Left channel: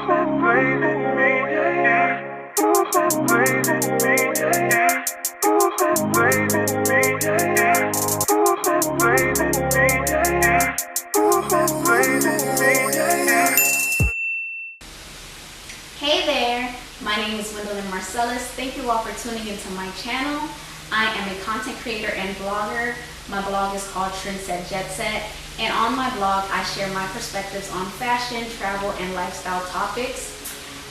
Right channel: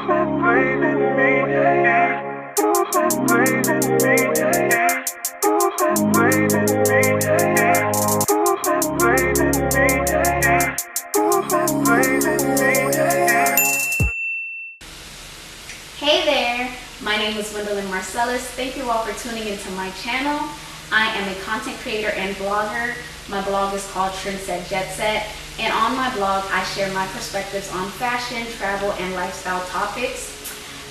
Hey there, my name is Marcellus. Thank you all for tuning into my channel. I am a content creator and blogger. My blog is called Trendset Jet Set, and on my blog I share my perspectives on fashion, travel, and lifestyle topics.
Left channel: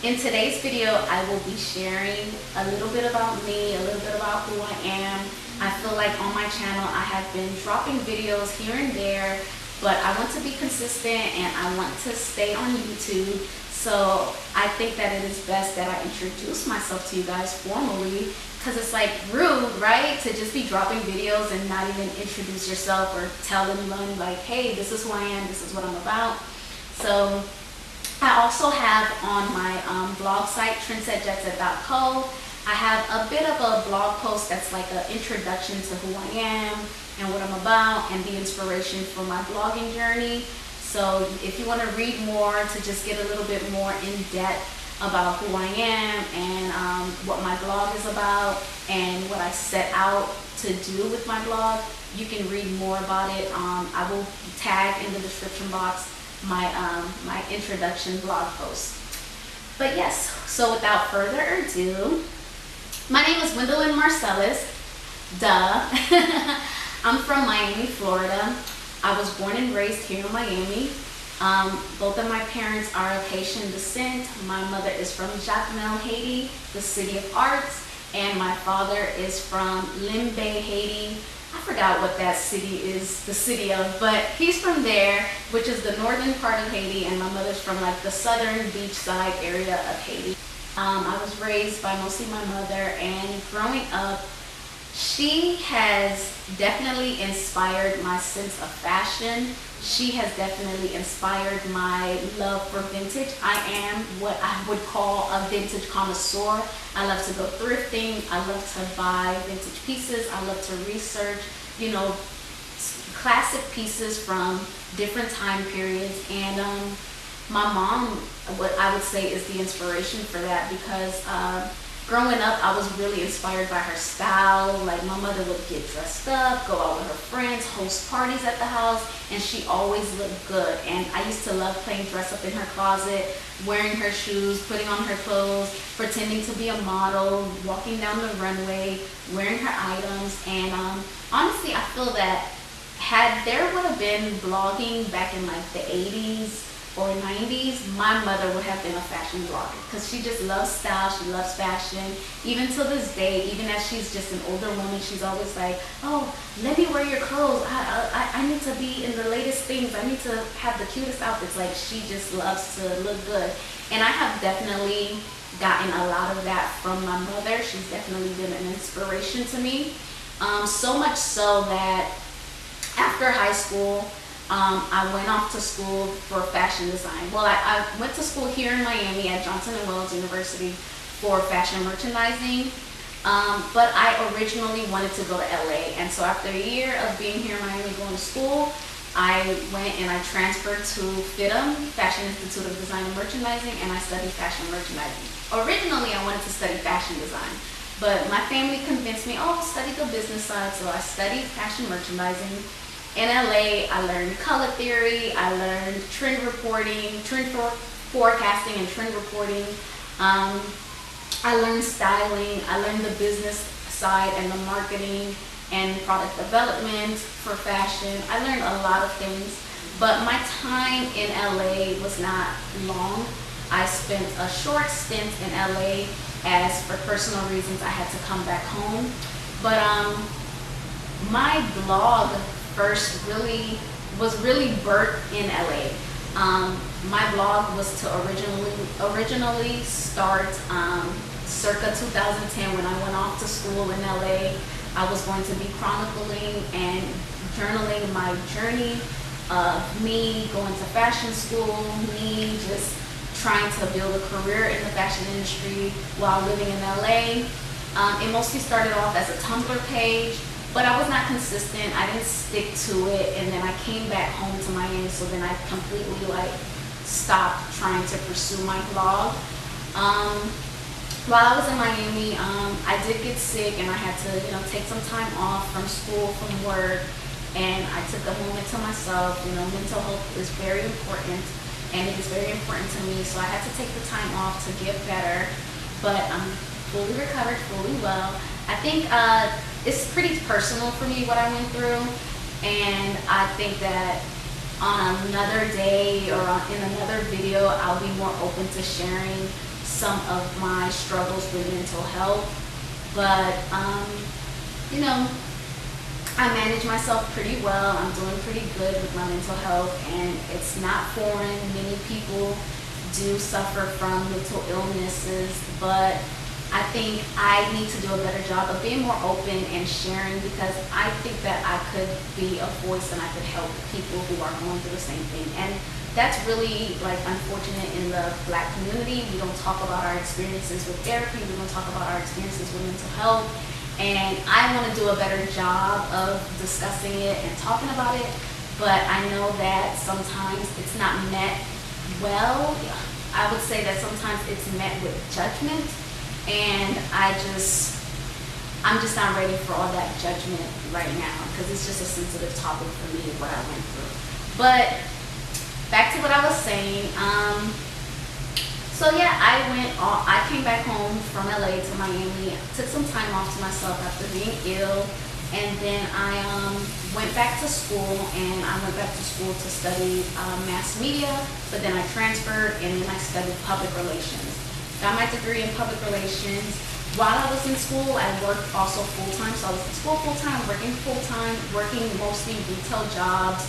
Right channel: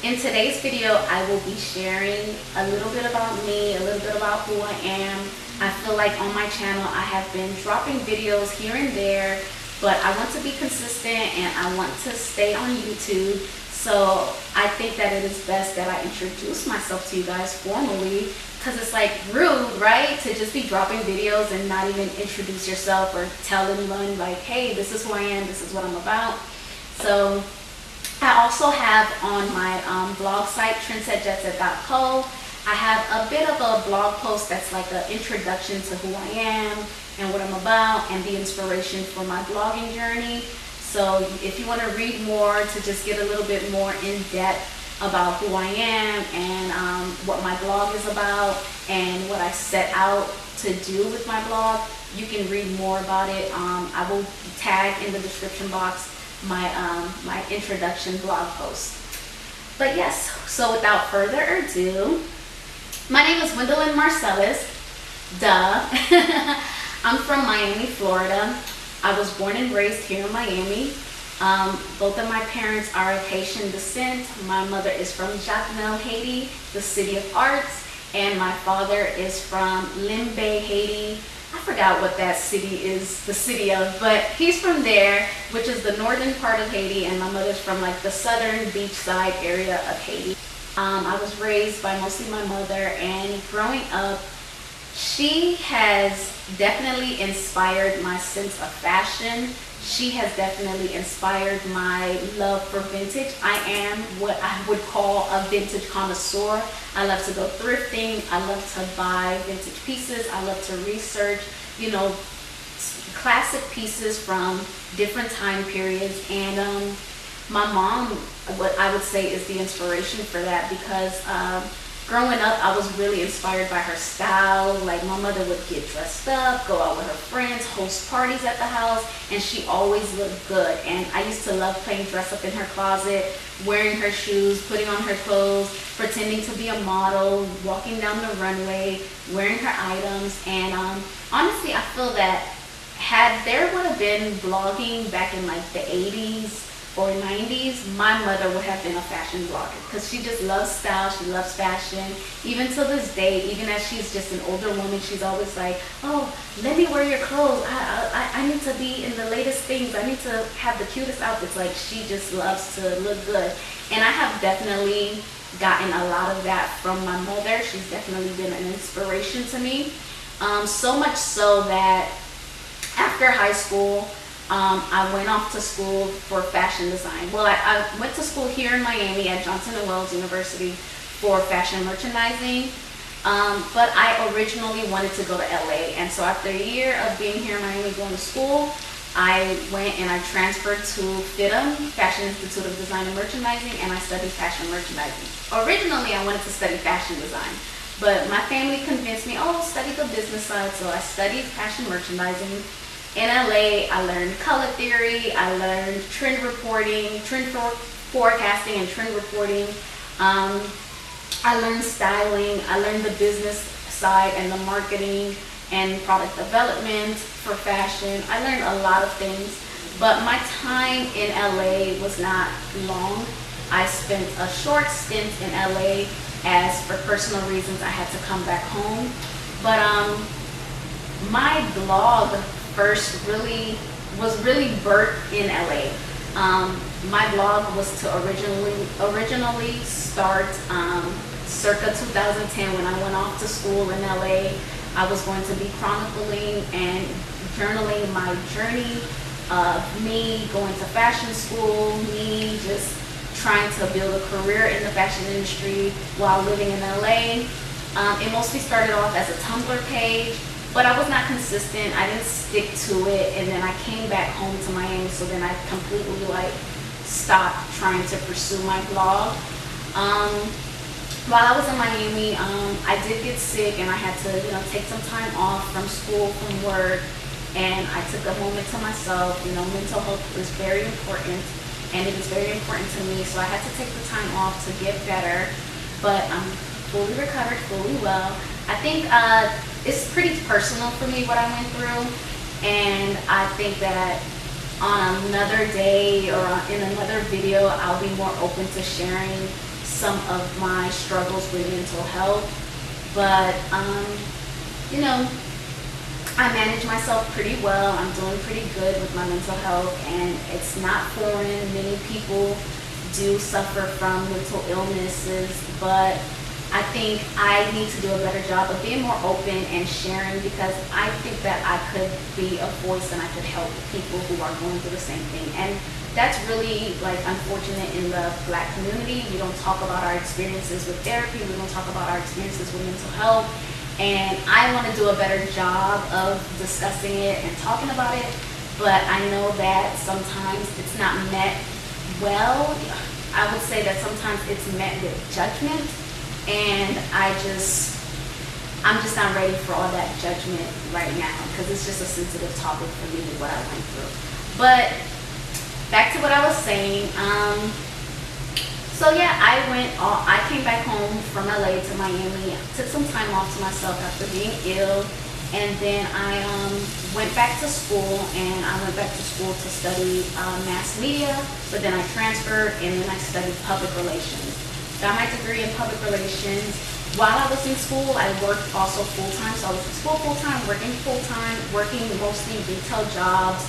In today's video, I will be sharing a little bit about me, a little bit about who I am. I feel like on my channel I have been dropping videos here and there, but I want to be consistent and I want to stay on YouTube. So I think that it is best that I introduce myself to you guys formally, because it's like rude, right? To just be dropping videos and not even introduce yourself or tell anyone like, hey, this is who I am, this is what I'm about. So I also have on my blog site, trendsetjetset.co, I have a bit of a blog post that's like an introduction to who I am and what I'm about and the inspiration for my blogging journey. So if you want to read more, to just get a little bit more in depth about who I am and what my blog is about and what I set out to do with my blog, you can read more about it. I will tag in the description box my introduction blog post. But yes, so without further ado, my name is Gwendolyn Marcellus. Duh. I'm from Miami, Florida. I was born and raised here in Miami. Both of my parents are of Haitian descent. My mother is from Jacmel, Haiti, the city of arts, and my father is from Limbe, Haiti. I forgot what that city is the city of, but he's from there, which is the northern part of Haiti, and my mother's from like the southern beachside area of Haiti. I was raised by mostly my mother, and growing up, she has definitely inspired my sense of fashion. She has definitely inspired my love for vintage. I am what I would call a vintage connoisseur. I love to go thrifting. I love to buy vintage pieces. I love to research, you know, classic pieces from different time periods. And my mom, what I would say, is the inspiration for that, because growing up, I was really inspired by her style. Like, my mother would get dressed up, go out with her friends, host parties at the house, and she always looked good. And I used to love playing dress up in her closet, wearing her shoes, putting on her clothes, pretending to be a model, walking down the runway, wearing her items. And honestly, I feel that had there would have been blogging back in like the 80s, or 90s, my mother would have been a fashion blogger, because she just loves style, she loves fashion. Even till this day, even as she's just an older woman, she's always like, oh, let me wear your clothes. I need to be in the latest things. I need to have the cutest outfits. Like, she just loves to look good. And I have definitely gotten a lot of that from my mother. She's definitely been an inspiration to me. So much so that after high school, I went off to school for fashion design. Well, I went to school here in Miami at Johnson & Wales University for fashion merchandising, but I originally wanted to go to LA. And so after a year of being here in Miami going to school, I went and I transferred to FIDM, Fashion Institute of Design and Merchandising, and I studied fashion merchandising. Originally, I wanted to study fashion design, but my family convinced me, oh, study the business side. So I studied fashion merchandising. In LA, I learned color theory, I learned trend reporting, trend forecasting and trend reporting. I learned styling, I learned the business side and the marketing and product development for fashion. I learned a lot of things, but my time in LA was not long. I spent a short stint in LA, as for personal reasons I had to come back home. But my blog first was really birthed in LA. My blog was to originally start circa 2010, when I went off to school in LA. I was going to be chronicling and journaling my journey of me going to fashion school, me just trying to build a career in the fashion industry while living in LA. It mostly started off as a Tumblr page, but I was not consistent. I didn't stick to it, and then I came back home to Miami, so then I completely like stopped trying to pursue my blog. While I was in Miami, I did get sick and I had to, take some time off from school, from work, and I took a moment to myself. Mental health is very important, and it is very important to me, so I had to take the time off to get better, but I'm fully recovered, fully well. I think it's pretty personal for me what I went through, and I think that on another day or in another video, I'll be more open to sharing some of my struggles with mental health. But I manage myself pretty well. I'm doing pretty good with my mental health, and it's not foreign. Many people do suffer from mental illnesses, but I think I need to do a better job of being more open and sharing, because I think that I could be a voice and I could help people who are going through the same thing. And that's really unfortunate in the Black community. We don't talk about our experiences with therapy. We don't talk about our experiences with mental health. And I want to do a better job of discussing it and talking about it. But I know that sometimes it's not met well. I would say that sometimes it's met with judgment. And I'm just not ready for all that judgment right now, because it's just a sensitive topic for me, what I went through. But back to what I was saying. So yeah, I came back home from LA to Miami, took some time off to myself after being ill, and then I went back to school, and I went back to school to study mass media, but then I transferred, and then I studied public relations. Got my degree in public relations. While I was in school, I worked also full-time. So I was in school full-time, working mostly retail jobs,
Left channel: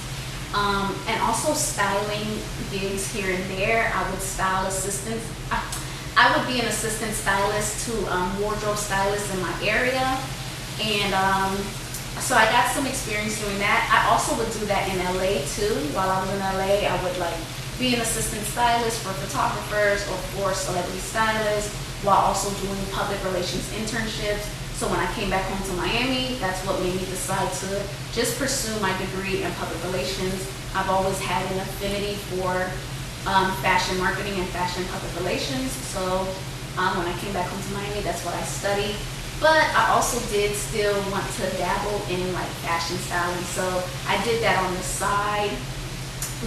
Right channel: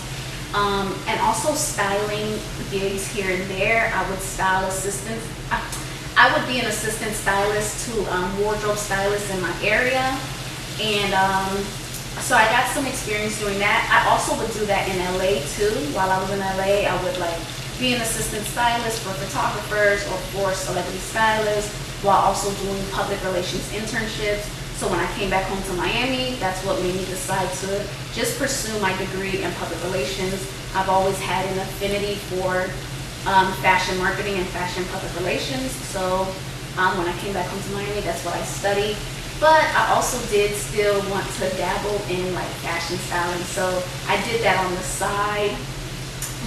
and also styling gigs here and there. I would style assistants. I would be an assistant stylist to wardrobe stylists in my area. And so I got some experience doing that. I also would do that in LA too. While I was in LA, I would be an assistant stylist for photographers or for celebrity stylists, while also doing public relations internships. So when I came back home to Miami, that's what made me decide to just pursue my degree in public relations. I've always had an affinity for fashion marketing and fashion public relations. So when I came back home to Miami, that's what I studied. But I also did still want to dabble in fashion styling. So I did that on the side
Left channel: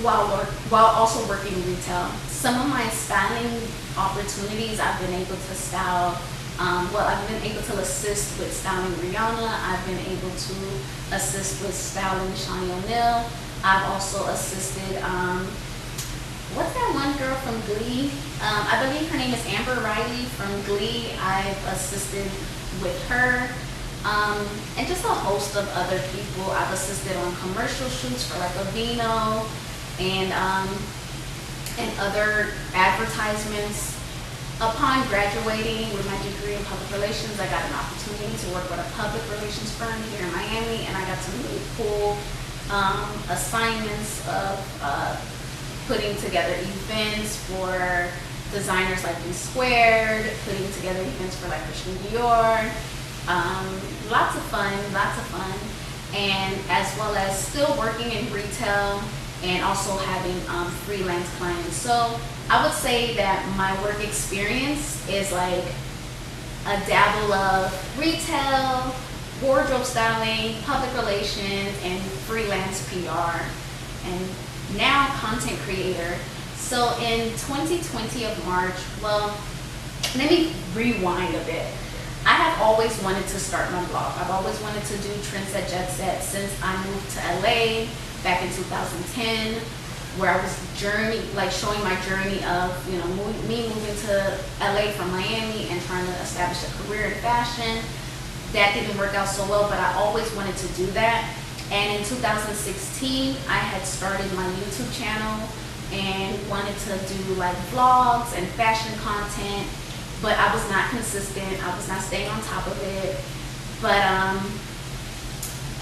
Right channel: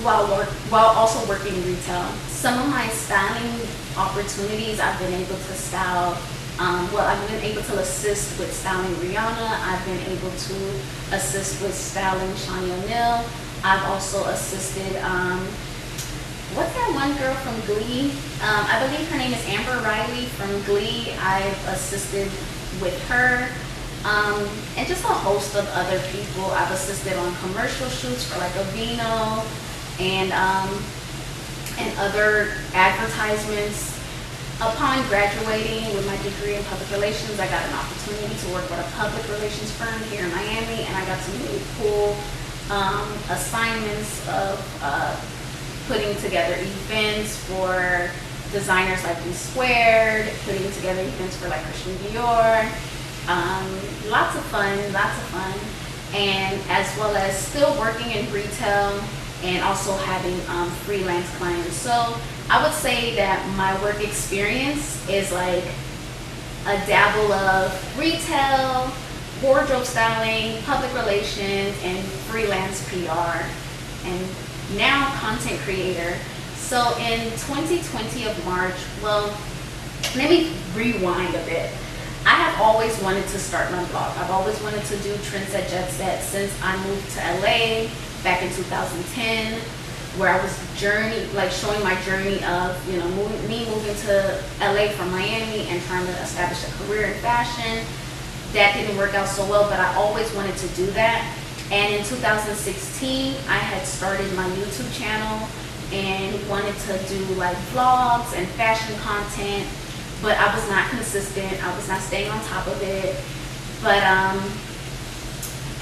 while also working in retail. Some of my styling opportunities, I've been able to style, I've been able to assist with styling Rihanna. I've been able to assist with styling Shani O'Neal. I've also assisted, what's that one girl from Glee? I believe her name is Amber Riley from Glee. I've assisted with her. And just a host of other people. I've assisted on commercial shoots for Aveeno and other advertisements. Upon graduating with my degree in public relations, I got an opportunity to work with a public relations firm here in Miami, and I got some really cool assignments of putting together events for designers like D Squared, putting together events for Christian Dior. Lots of fun, and as well as still working in retail and also having freelance clients. So I would say that my work experience is a dabble of retail, wardrobe styling, public relations, and freelance PR, and now content creator. So in 2020 of March, well, let me rewind a bit. I have always wanted to start my blog. I've always wanted to do Trends at Jet Set since I moved to LA back in 2010, where I was showing my journey of moving to LA from Miami and trying to establish a career in fashion. That didn't work out so well, but I always wanted to do that. And in 2016, I had started my YouTube channel and wanted to do vlogs and fashion content, but I was not consistent. I was not staying on top of it. But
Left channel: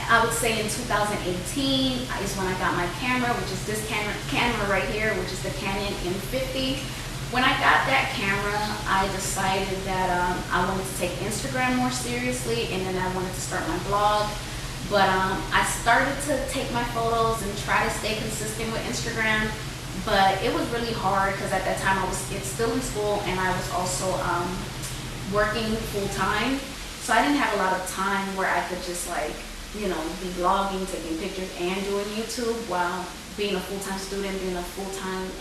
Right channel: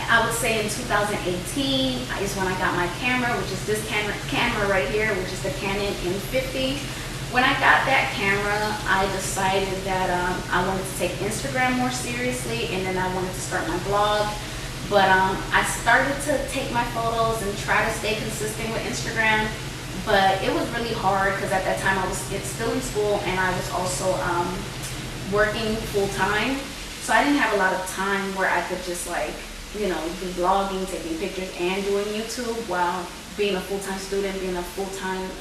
I would say in 2018 is when I got my camera, which is this camera right here, which is the Canon M50. When I got that camera, I decided that I wanted to take Instagram more seriously, and then I wanted to start my blog. But I started to take my photos and try to stay consistent with Instagram. but it was really hard because at that time I was still in school, and I was also working full time. So I didn't have a lot of time where I could just like, be vlogging, taking pictures, and doing YouTube while being a full-time student, being a full-time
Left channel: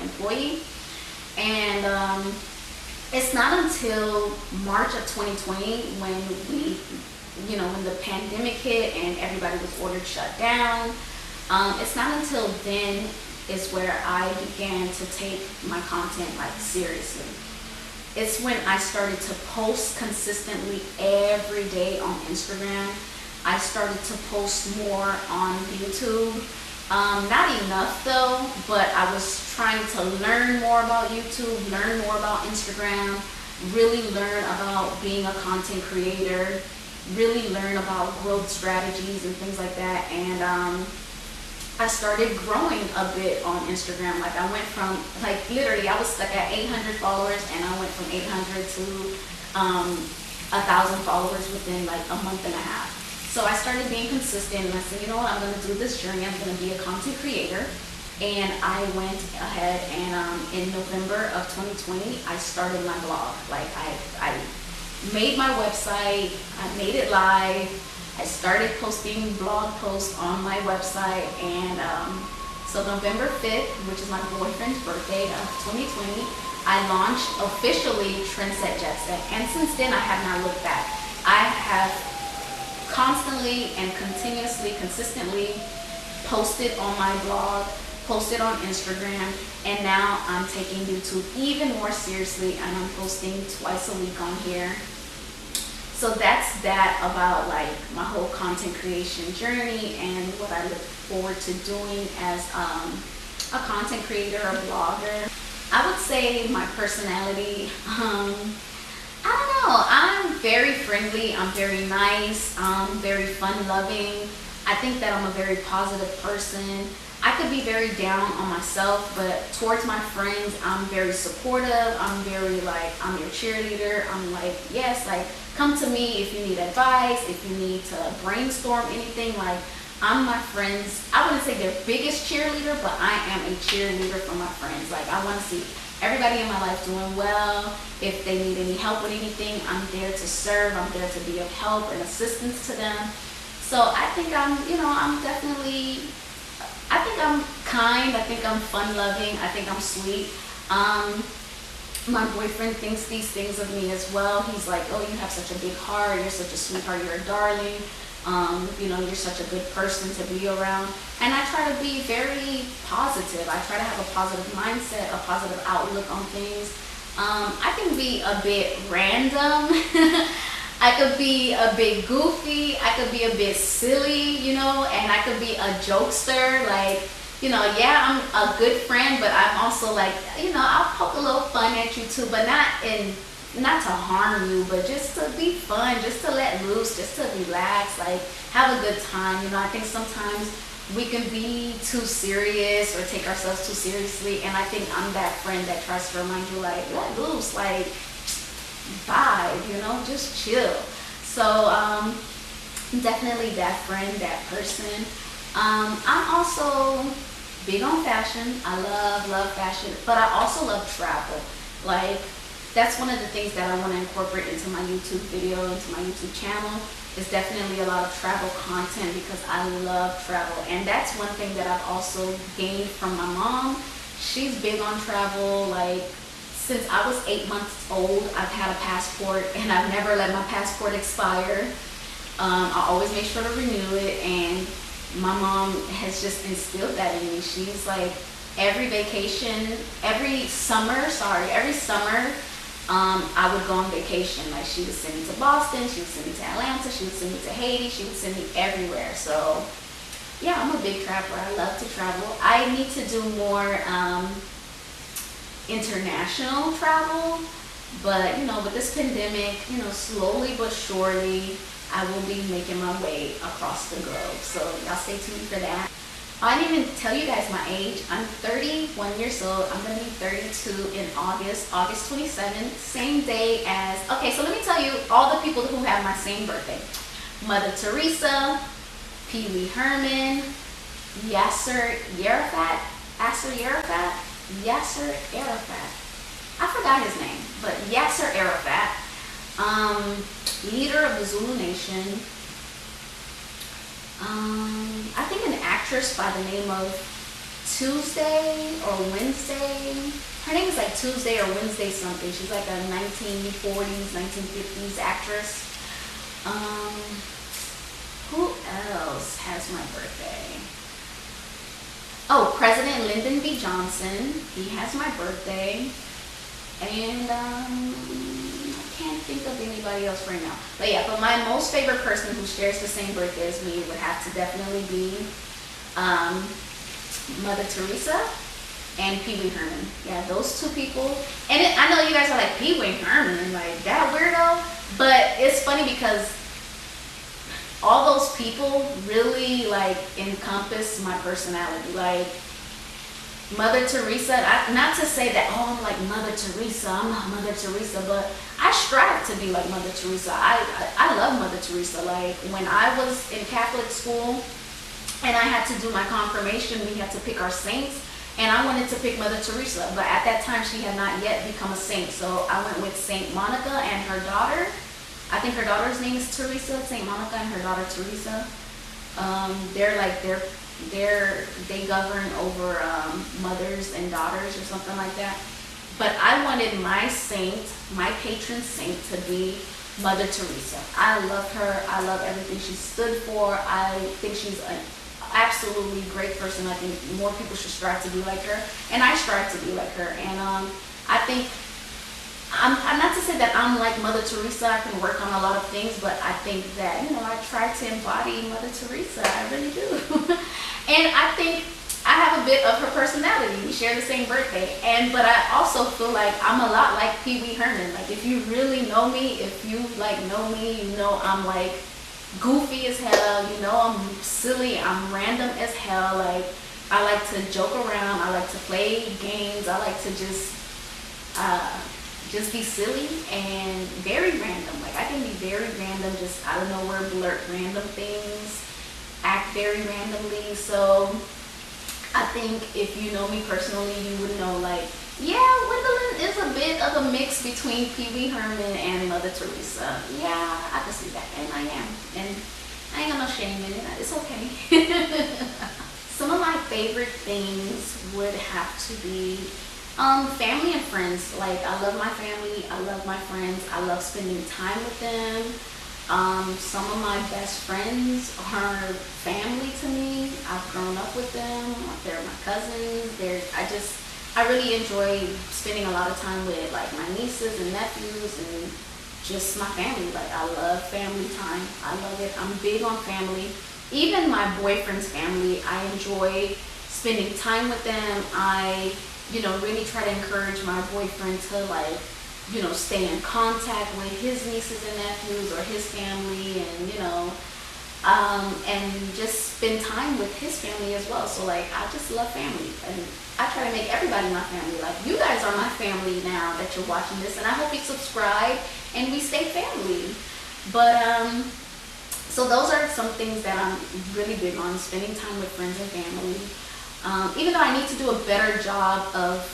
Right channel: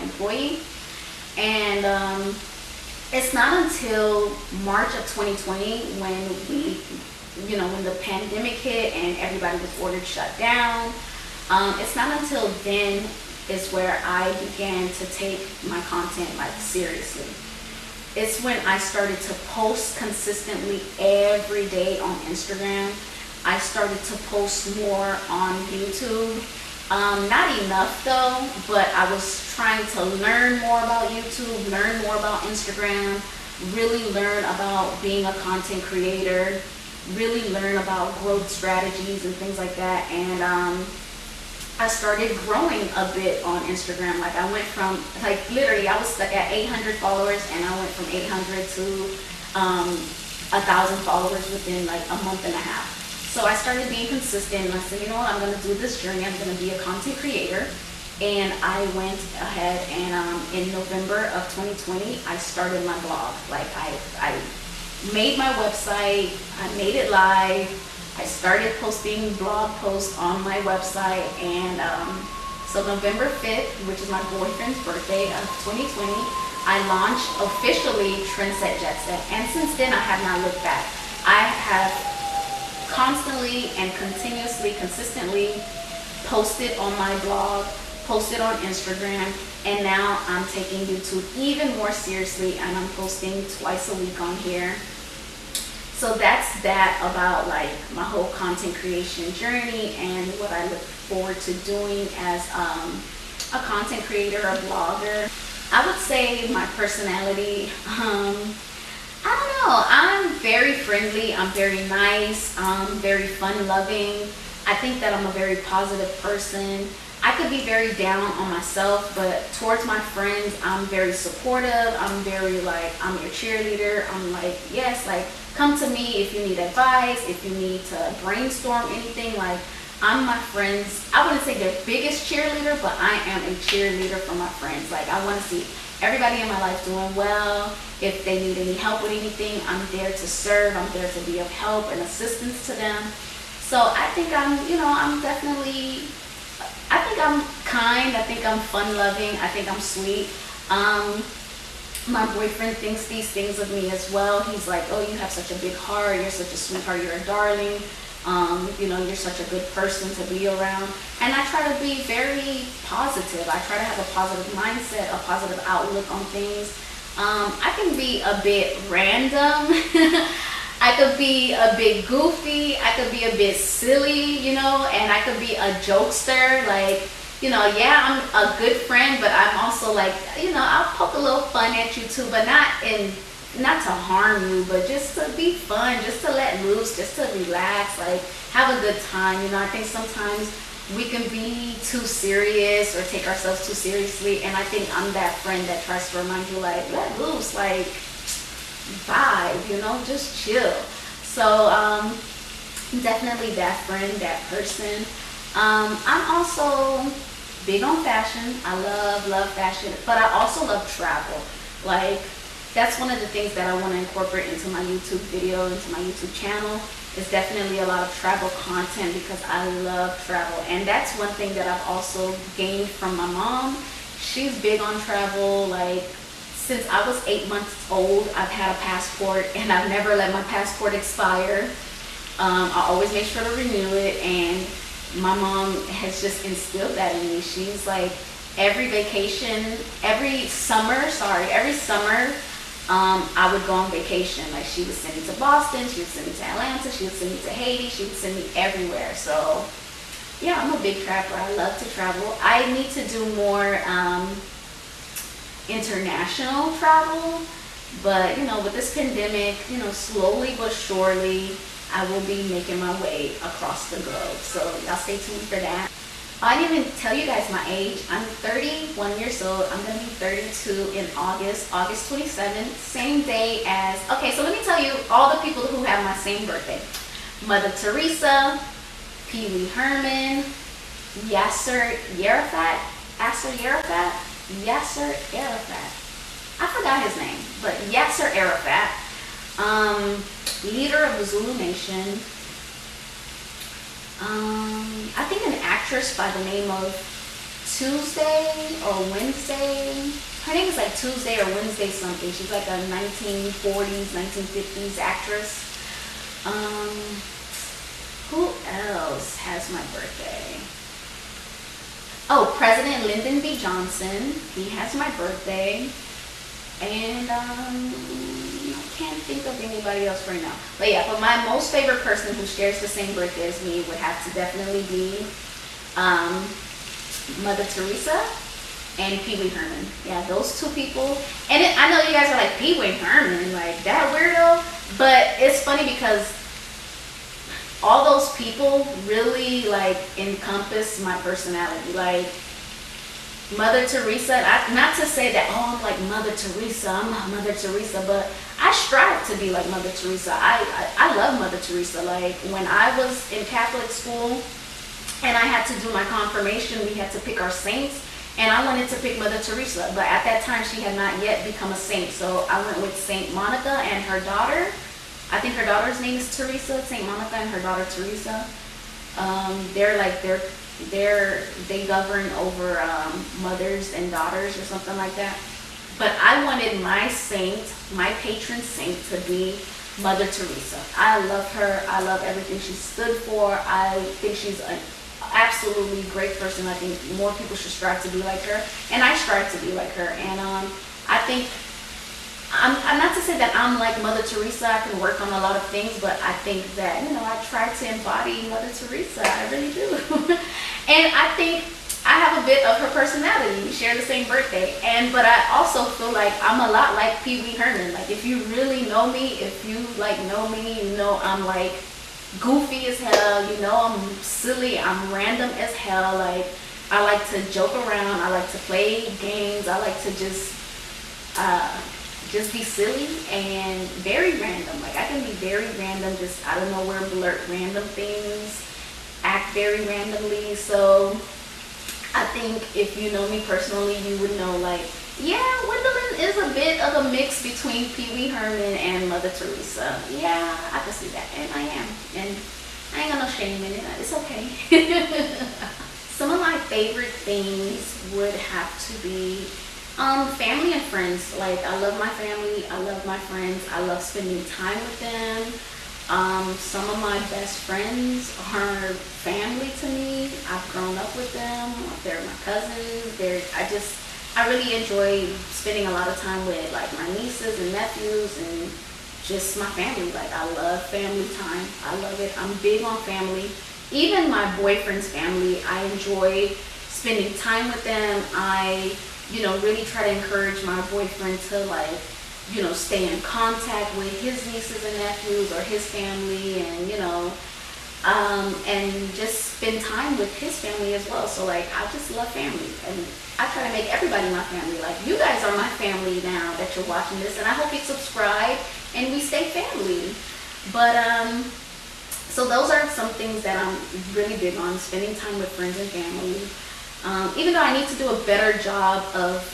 employee. And it's not until March of 2020 when when the pandemic hit and everybody was ordered shut down. It's not until then is where I began to take my content like seriously. It's when I started to post consistently every day on Instagram. I started to post more on YouTube. Not enough though, but I was trying to learn more about YouTube, learn more about Instagram, really learn about being a content creator, really learn about growth strategies and things like that. And I started growing a bit on Instagram. Like I went from, like literally I was stuck at 800 followers, and I went from 800 to 1,000 followers within like a month and a half. So I started being consistent, and I said, you know what, I'm going to do this journey. I'm going to be a content creator. And I went ahead and in November of 2020, I started my blog. Like I made my website, I made it live. I started posting blog posts on my website, and so November 5th, which is my boyfriend's birthday of 2020, I launched officially Trendset Jet Set. And since then, I have not looked back. I have constantly and continuously, consistently posted on my blog, posted on Instagram, and now I'm taking YouTube even more seriously, and I'm posting twice a week on here. So that's that about like my whole content creation journey and what I look forward to doing as a content creator, a blogger. I would say my personality, I don't know, I'm very friendly, I'm very nice, I'm very fun-loving. I think that I'm a very positive person. I could be very down on myself, but towards my friends, I'm very supportive. I'm very like, I'm your cheerleader. I'm like, yes, like, come to me if you need advice, if you need to brainstorm anything. Like, I'm my friends, I wouldn't say their biggest cheerleader, but I am a cheerleader for my friends. Like, I want to see everybody in my life doing well. If they need any help with anything, I'm there to serve. I'm there to be of help and assistance to them. So I think I'm, I think I'm kind, I think I'm fun-loving, I think I'm sweet. My boyfriend thinks these things of me as well. He's like, oh, you have such a big heart, you're such a sweetheart, you're a darling, you're such a good person to be around. And I try to be very positive. I try to have a positive mindset, a positive outlook on things. I can be a bit random. I could be a bit goofy, I could be a bit silly, and I could be a jokester, like, yeah, I'm a good friend, but I'm also like, I'll poke a little fun at you too, but not to harm you, but just to be fun, just to let loose, just to relax, like, have a good time. I think sometimes we can be too serious or take ourselves too seriously, and I think I'm that friend that tries to remind you, like, let loose, like, vibe, just chill. So definitely that friend, that person. I'm also big on fashion. I love fashion, but I also love travel. Like, that's one of the things that I want to incorporate into my YouTube video, into my YouTube channel, is definitely a lot of travel content, because I love travel. And that's one thing that I've also gained from my mom. She's big on travel. Like, since I was 8 months old, I've had a passport, and I've never let my passport expire. I always make sure to renew it, and my mom has just instilled that in me. She's like, every summer, I would go on vacation. Like, she would send me to Boston, she would send me to Atlanta, she would send me to Haiti, she would send me everywhere. So yeah, I'm a big traveler. I love to travel. I need to do more international travel, but with this pandemic, slowly but surely I will be making my way across the globe. So y'all stay tuned for that. I didn't even tell you guys my age. I'm 31 years old. I'm gonna be 32 in August 27th, same day as, okay, so let me tell you all the people who have my same birthday. Mother Teresa, Pee Wee Herman, Yasser Arafat, Yasser Arafat. I forgot his name, but Yasser Arafat, leader of the Zulu Nation. I think an actress by the name of Tuesday or Wednesday. Her name is like Tuesday or Wednesday something. She's like a 1940s, 1950s actress. Who else has my birthday? Oh, President Lyndon B. Johnson. He has my birthday. And I can't think of anybody else right now. But yeah, but my most favorite person who shares the same birthday as me would have to definitely be Mother Teresa and Pee Wee Herman. Yeah, those two people. And I know you guys are like, Pee Wee Herman, like that weirdo. But it's funny because all those people really like encompass my personality. Like Mother Teresa, not to say that, oh, I'm like Mother Teresa, I'm not Mother Teresa, but I strive to be like Mother Teresa. I love Mother Teresa. Like when I was in Catholic school and I had to do my confirmation, we had to pick our saints, and I wanted to pick Mother Teresa, but at that time she had not yet become a saint, so I went with Saint Monica and her daughter. I think her daughter's name is Teresa, Saint Monica and her daughter Teresa. They govern over mothers and daughters or something like that. But I wanted my saint, my patron saint, to be Mother Teresa. I love her. I love everything she stood for. I think she's an absolutely great person. I think more people should strive to be like her, and I strive to be like her. And I think I'm not to say that I'm like Mother Teresa. I can work on a lot of things, but I think that, you know, I try to embody Mother Teresa. I really do. And I think I have a bit of her personality. We share the same birthday. But I also feel like I'm a lot like Pee Wee Herman. Like if you really know me, if you like know me, you know I'm like goofy as hell. You know I'm silly. I'm random as hell. Like I like to joke around. I like to play games. I like to just be silly and very random. Like I can be very random, just out of nowhere blurt random things, act very randomly. So I think if you know me personally, you would know like, yeah, Gwendolyn is a bit of a mix between Pee Wee Herman and Mother Teresa. Yeah, I can see that, and I am. And I ain't got no shame in it. It's okay. Some of my favorite things would have to be family and friends. Like I love my family, I love my friends, I love spending time with them. Some of my best friends are family to me. I've grown up with them. They're my cousins. I really enjoy spending a lot of time with like my nieces and nephews and just my family. Like I love family time. I love it. I'm big on family. Even my boyfriend's family, I enjoy spending time with them. I really try to encourage my boyfriend to stay in contact with his nieces and nephews or his family, and just spend time with his family as well. So I just love family, and I try to make everybody my family. Like you guys are my family now that you're watching this, and I hope you subscribe and we stay family. But so those are some things that I'm really big on, spending time with friends and family. Even though I need to do a better job of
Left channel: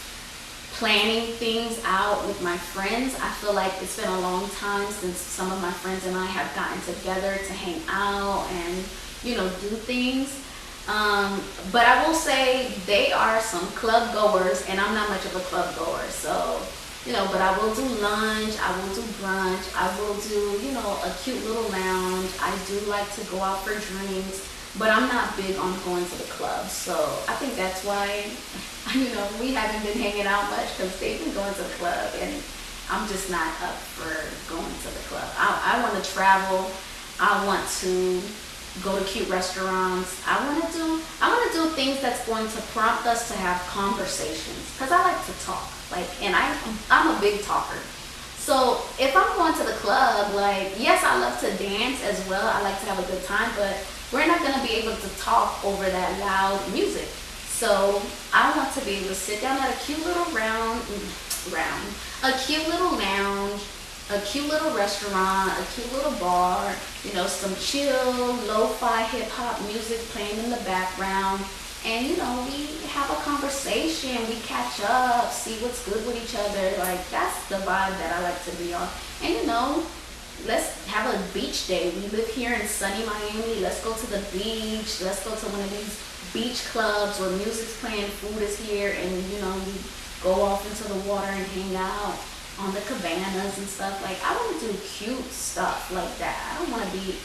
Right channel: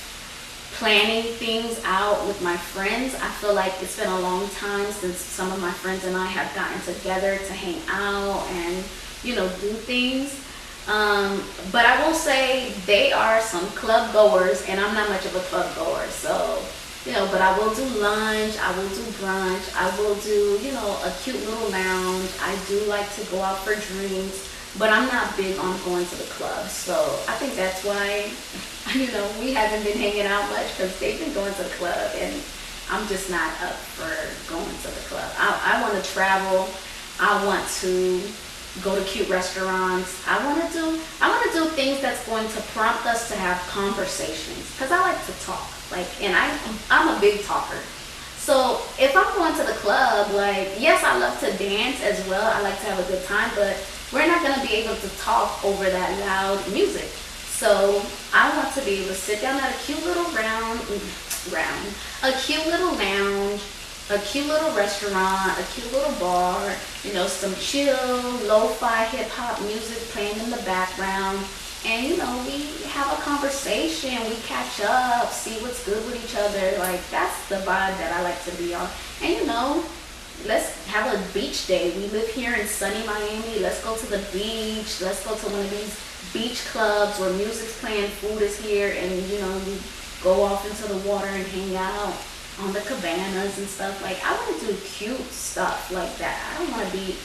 planning things out with my friends, I feel like it's been a long time since some of my friends and I have gotten together to hang out and, do things. But I will say they are some club goers, and I'm not much of a club goer. So, but I will do lunch, I will do brunch, I will do, a cute little lounge. I do like to go out for drinks. But I'm not big on going to the club. So I think that's why, we haven't been hanging out much, because they've been going to the club and I'm just not up for going to the club. I want to travel. I want to go to cute restaurants. I want to do things that's going to prompt us to have conversations, because I like to talk. And I'm a big talker. So if I'm going to the club, yes, I love to dance as well. I like to have a good time, but we're not going to be able to talk over that loud music. So I want to be able to sit down at a cute little a cute little lounge, a cute little restaurant, a cute little bar, some chill, lo-fi hip-hop music playing in the background, and you know, we have a conversation, we catch up, see what's good with each other. Like, that's the vibe that I like to be on. And you know, let's have a beach day. We live here in sunny Miami. Let's go to the beach. Let's go to one of these beach clubs where music's playing, food is here, and you know, we go off into the water and hang out on the cabanas and stuff. Like, I want to do cute stuff like that. I don't want to be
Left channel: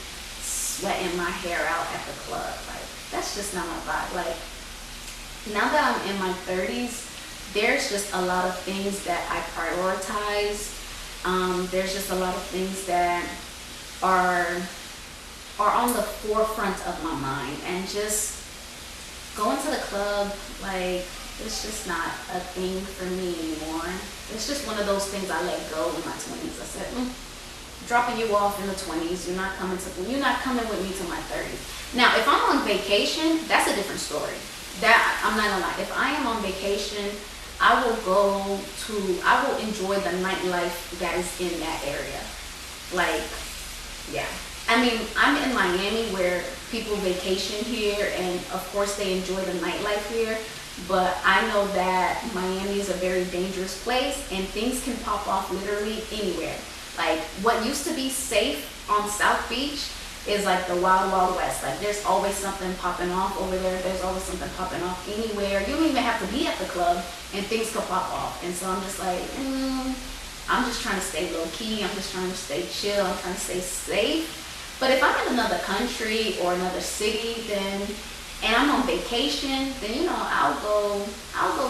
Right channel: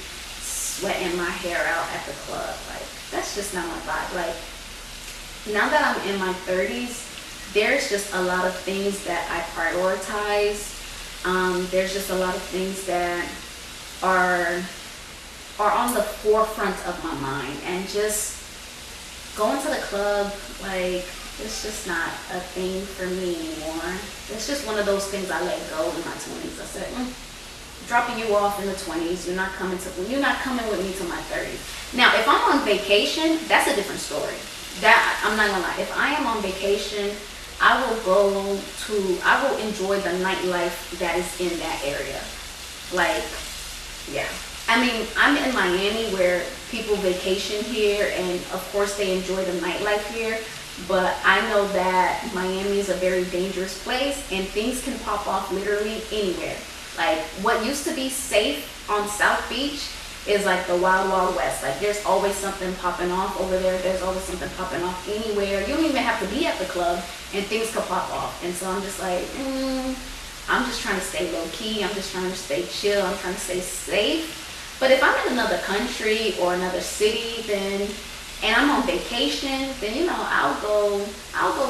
sweating my hair out at the club. Like, that's just not my vibe. Like, now that I'm in my 30s, there's just a lot of things that I prioritize. There's just a lot of things that are on the forefront of my mind, and just going to the club, like, it's just not a thing for me anymore. It's just one of those things I let go in my 20s. I said, dropping you off in the 20s. You're not coming with me to my 30s. Now, if I'm on vacation, that's a different story. That, I'm not gonna lie. If I am on vacation, I will enjoy the nightlife that is in that area. Like, yeah. I mean, I'm in Miami where people vacation here, and of course they enjoy the nightlife here. But I know that Miami is a very dangerous place, and things can pop off literally anywhere. Like, what used to be safe on South Beach is like the wild, wild west. Like, there's always something popping off over there. There's always something popping off anywhere. You don't even have to be at the club, and things could pop off. And so I'm just like, I'm just trying to stay low key. I'm just trying to stay chill. I'm trying to stay safe. But if I'm in another country or another city, and I'm on vacation, then you know, I'll go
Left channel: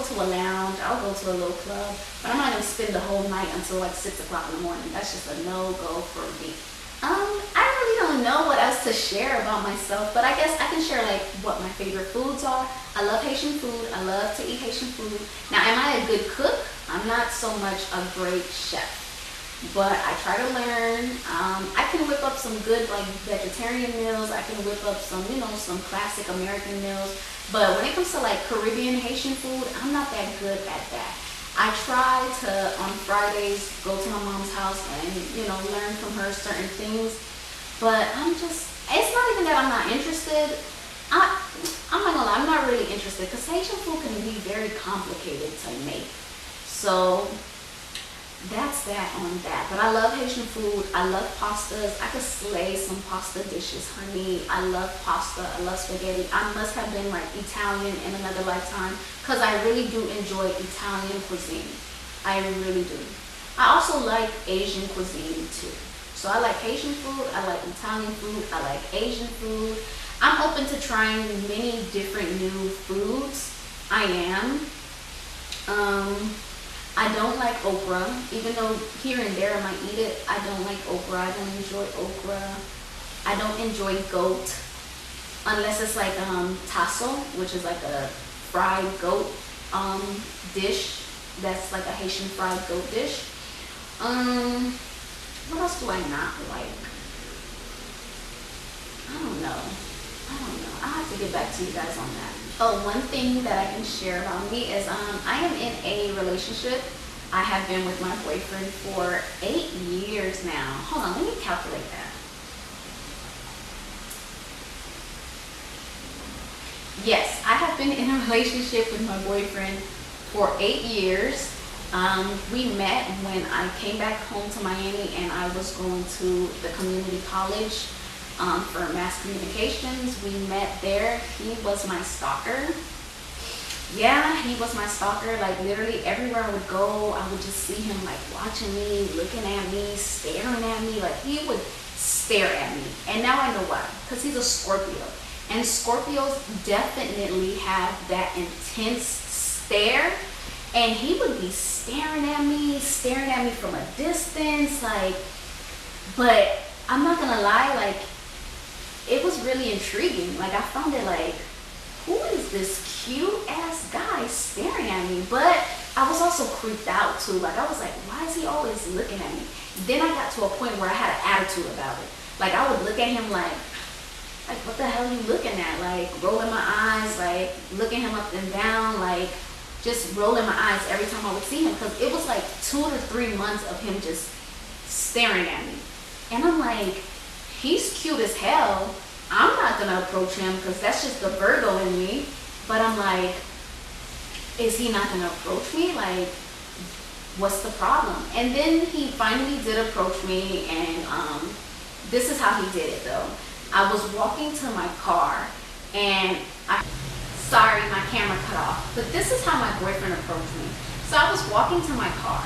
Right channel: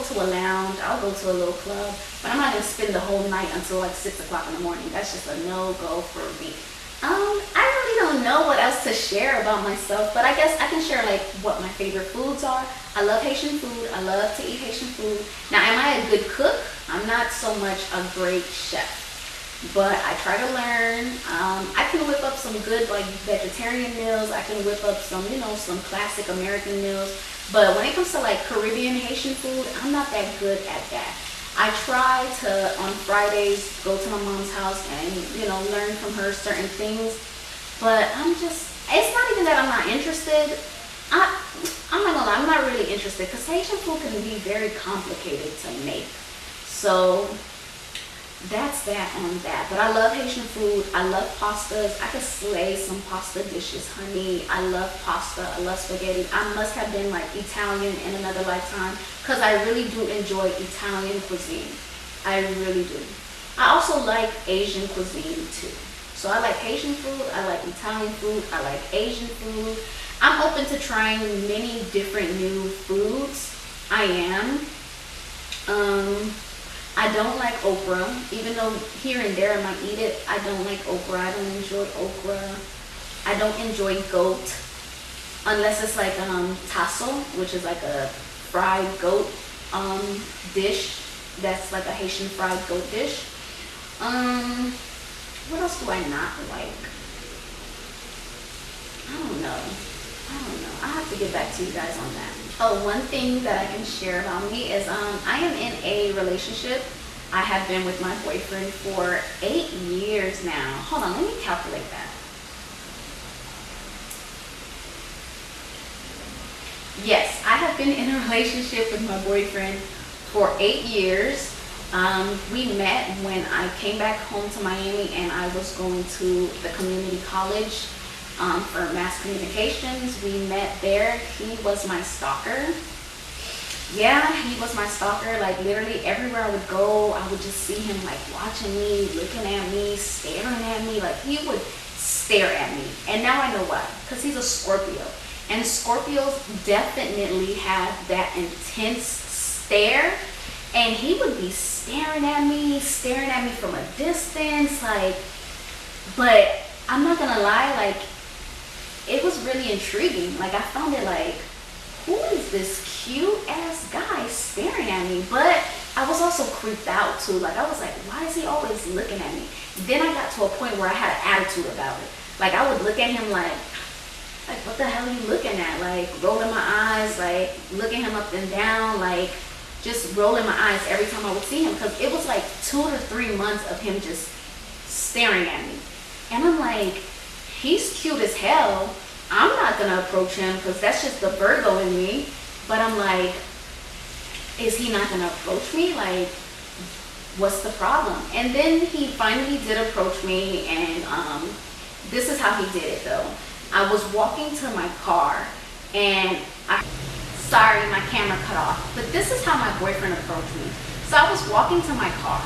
to a lounge, I'll go to a little club, but I'm not gonna spend the whole night until like 6 o'clock in the morning. That's just a no-go for me. I really don't know what else to share about myself, but I guess I can share like what my favorite foods are. I love Haitian food. I love to eat Haitian food. Now, am I a good cook? I'm not so much a great chef, but I try to learn. I can whip up some good like vegetarian meals. I can whip up some, you know, some classic American meals. But when it comes to like Caribbean Haitian food, I'm not that good at that. I try to, on Fridays, go to my mom's house and, you know, learn from her certain things. But it's not even that I'm not interested. I'm not gonna lie, I'm not really interested, because Haitian food can be very complicated to make. So that's that on that. But I love Haitian food. I love pastas. I could slay some pasta dishes, honey. I love pasta. I love spaghetti. I must have been like Italian in another lifetime, because I really do enjoy Italian cuisine. I really do. I also like Asian cuisine too. So I like Haitian food. I like Italian food. I like Asian food. I'm open to trying many different new foods. I am. I don't like okra, even though here and there I might eat it. I don't like okra. I don't enjoy okra. I don't enjoy goat, unless it's like tasso, which is like a fried goat dish. That's like a Haitian fried goat dish. What else do I not like? I don't know. I have to get back to you guys on that. Oh, one thing that I can share about me is I am in a relationship. I have been with my boyfriend for 8 years now. Hold on, let me calculate that. Yes, I have been in a relationship with my boyfriend for 8 years. We met when I came back home to Miami, and I was going to the community college for mass communications. We met there. He was my stalker. Yeah, he was my stalker. Like, literally everywhere I would go, I would just see him like watching me, looking at me, staring at me. Like, he would stare at me. And now I know why. Because he's a Scorpio. And Scorpios definitely have that intense stare. And he would be staring at me from a distance. Like, but I'm not gonna lie, like, it was really intriguing. Like, I found it like, who is this cute ass guy staring at me? But I was also creeped out too. Like, I was like, why is he always looking at me? Then I got to a point where I had an attitude about it. Like, I would look at him like what the hell are you looking at? Like, rolling my eyes, like looking him up and down, like just rolling my eyes every time I would see him, because it was like 2 to 3 months of him just staring at me. And I'm like, he's cute as hell. I'm not gonna approach him because that's just the Virgo in me. But I'm like, is he not gonna approach me? Like, what's the problem? And then he finally did approach me, and this is how he did it though. I was walking to my car, and sorry, my camera cut off, but this is how my boyfriend approached me. So I was walking to my car,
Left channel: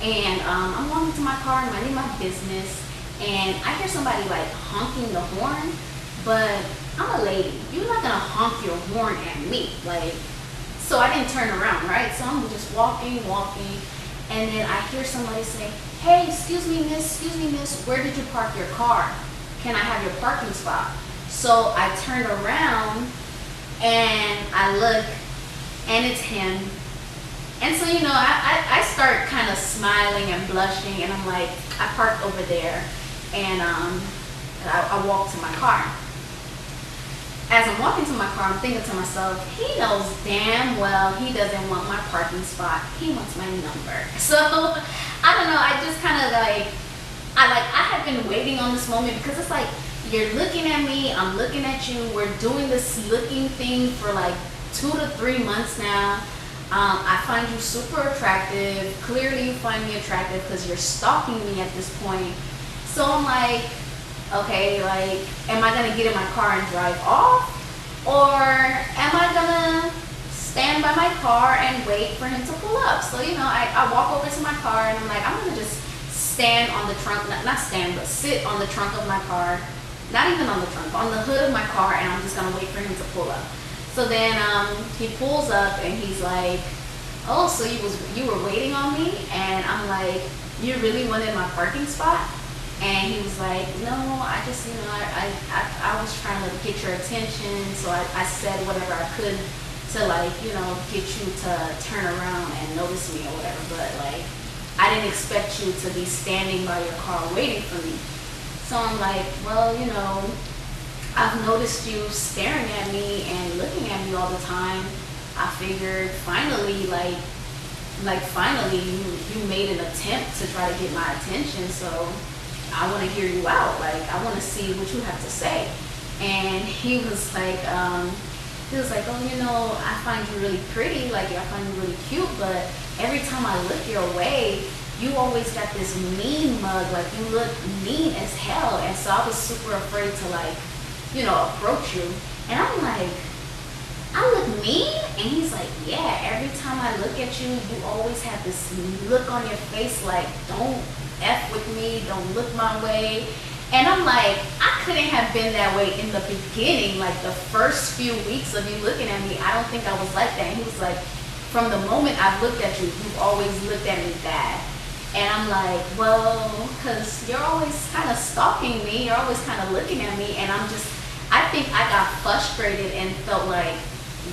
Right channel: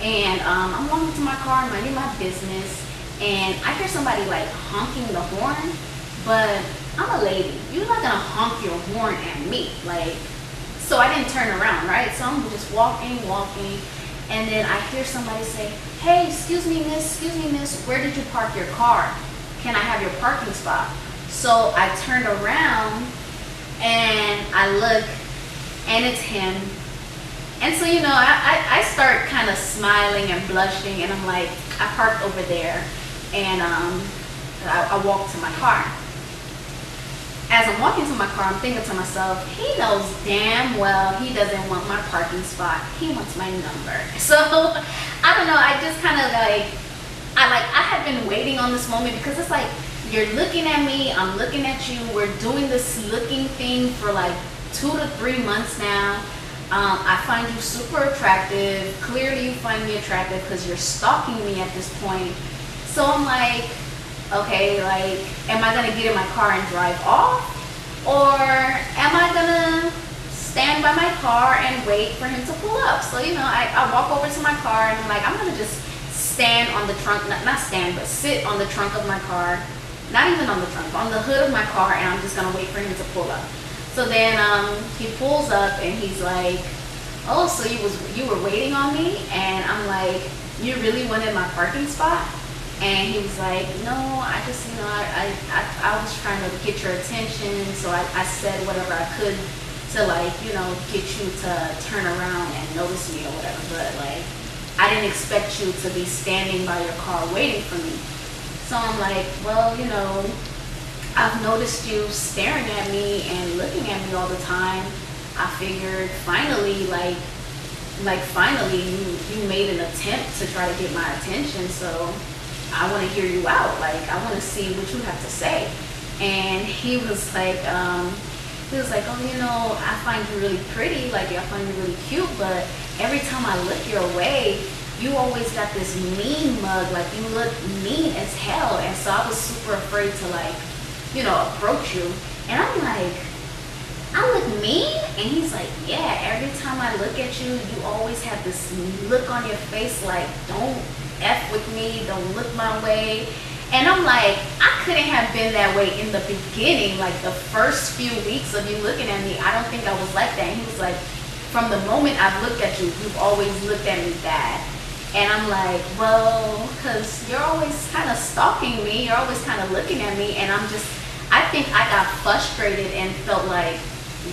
and I'm walking to my car, minding my business, and I hear somebody like honking the horn, but I'm a lady. You're not gonna honk your horn at me, like. So I didn't turn around, right? So I'm just walking, and then I hear somebody say, hey, excuse me, miss, where did you park your car? Can I have your parking spot? So I turned around, and I look, and it's him. And so, I start kind of smiling and blushing, and I'm like, I parked over there, and I walked to my car. As I'm walking to my car, I'm thinking to myself, he knows damn well he doesn't want my parking spot. He wants my number. So, I don't know, I just kind of I had been waiting on this moment, because it's like, you're looking at me, I'm looking at you, we're doing this looking thing for like 2 to 3 months now. I find you super attractive. Clearly you find me attractive because you're stalking me at this point. So I'm like, okay, like, am I gonna get in my car and drive off? Or am I gonna stand by my car and wait for him to pull up? So, I walk over to my car, and I'm like, I'm gonna just stand on the trunk, not stand, but sit on the trunk of my car, not even on the trunk, on the hood of my car, and I'm just gonna wait for him to pull up. So then he pulls up, and he's like, oh, so you were waiting on me? And I'm like, you really wanted my parking spot? And he was like, no, I just, I was trying to get your attention, so I said whatever I could to, like, get you to turn around and notice me or whatever, but, like, I didn't expect you to be standing by your car waiting for me. So I'm like, well, I've noticed you staring at me and looking at me all the time. I figured finally, finally you made an attempt to try to get my attention, so I want to hear you out. Like, I want to see what you have to say. And he was like, oh, I find you really pretty. Like, I find you really cute, but every time I look your way, you always got this mean mug. Like, you look mean as hell. And so I was super afraid to, approach you. And I'm like, I look mean? And he's like, yeah, every time I look at you, you always have this look on your face like, don't F with me, don't look my way. And I'm like, I couldn't have been that way in the beginning, like the first few weeks of you looking at me. I don't think I was like that. And he was like, from the moment I've looked at you, you've always looked at me bad. And I'm like, well, because you're always kind of stalking me, you're always kind of looking at me, and I think I got frustrated and felt like,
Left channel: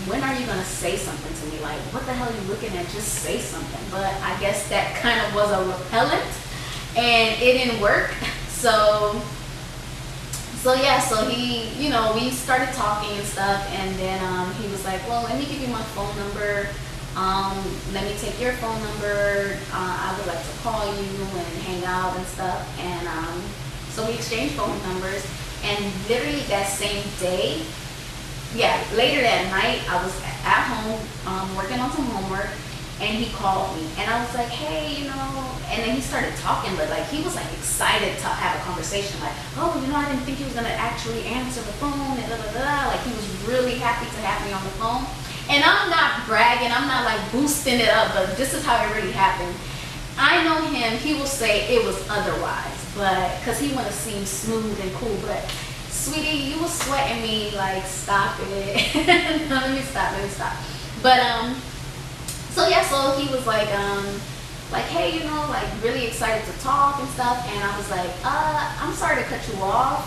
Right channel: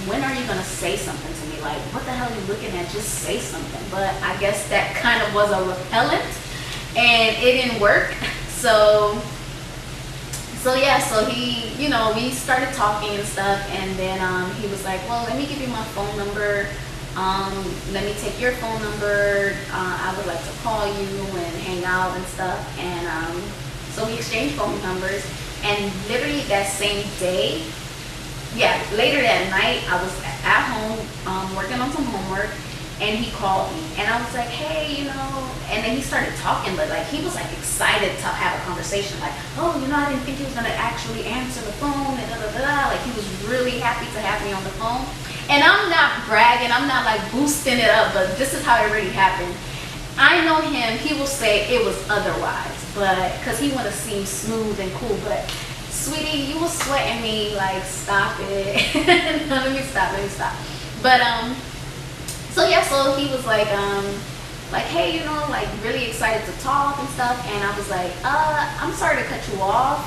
when are you going to say something to me? Like, what the hell are you looking at? Just say something. But I guess that kind of was a repellent, and it didn't work. So he, we started talking and stuff, and then he was like, well, let me give you my phone number. Let me take your phone number. I would like to call you and hang out and stuff. And so we exchanged phone numbers, and literally that same day, later that night, I was at home working on some homework, and he called me, and I was like, hey, and then he started talking, but like he was like excited to have a conversation, like, oh, I didn't think he was gonna actually answer the phone, and like he was really happy to have me on the phone. And I'm not bragging, I'm not like boosting it up, but this is how it really happened. I know him, he will say it was otherwise, but because he want to seem smooth and cool, but sweetie, you was sweating me, like, stop it. let me stop. But so he was like, hey, like really excited to talk and stuff, and I was like, I'm sorry to cut you off,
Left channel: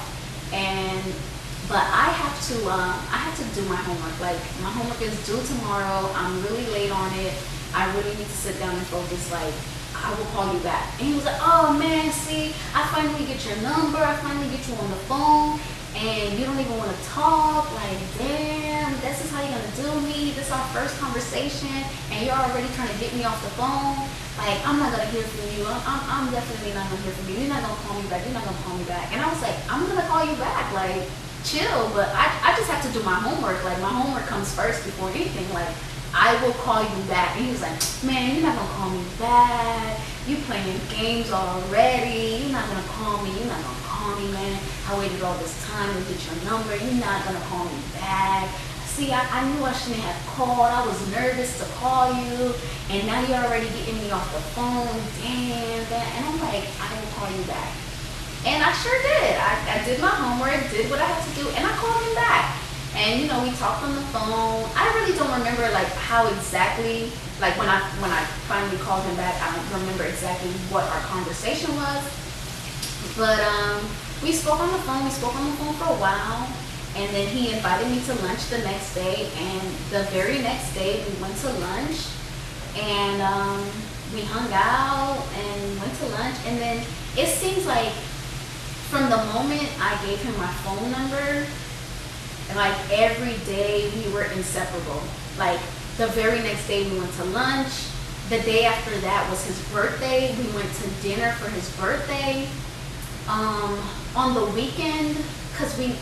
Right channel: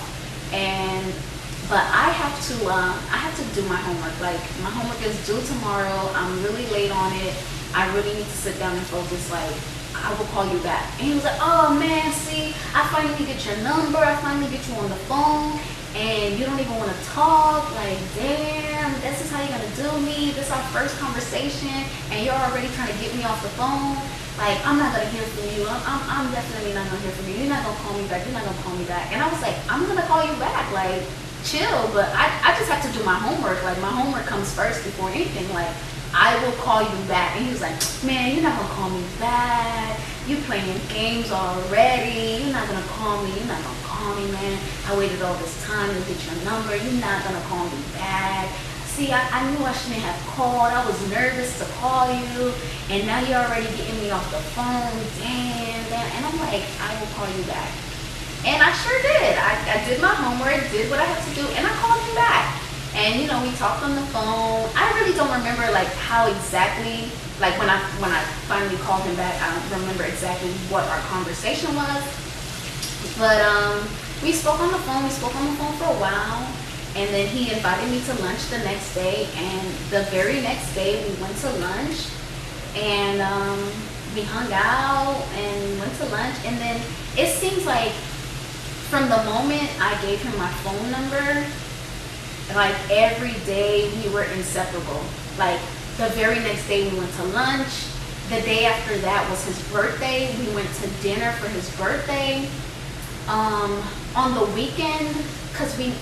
but I have to do my homework. Like, my homework is due tomorrow. I'm really late on it. I really need to sit down and focus. Like, I will call you back. And he was like, oh man, see, I finally get your number. I finally get you on the phone, and you don't even want to talk. Like, damn, this is how you're gonna do me. This is our first conversation, and you're already trying to get me off the phone. Like, I'm not gonna hear from you. I'm definitely not gonna hear from you. You're not gonna call me back. You're not gonna call me back. And I was like, I'm gonna call you back. Like, chill, but I just have to do my homework. Like, my homework comes first before anything. Like, I will call you back. And he was like, man, you're not gonna call me back. You playing games already. You're not gonna call me. You're not gonna call me, man. I waited all this time to get your number. You're not gonna call me back. See, I knew I shouldn't have called. I was nervous to call you, and now you're already getting me off the phone. Damn. And I'm like, I will call you back. And I sure did. I did my homework, did what I had to do, and I called him back. And, you know, we talked on the phone. I really don't remember, like, how exactly, like, when I finally called him back, I don't remember exactly what our conversation was. But we spoke on the phone. We spoke on the phone for a while. And then he invited me to lunch the next day. And the very next day, we went to lunch. And we hung out and went to lunch. And then it seems like from the moment I gave him my phone number, like, every day we were inseparable. Like, the very next day we went to lunch. The day after that was his birthday. We went to dinner for his birthday. On the weekend, because we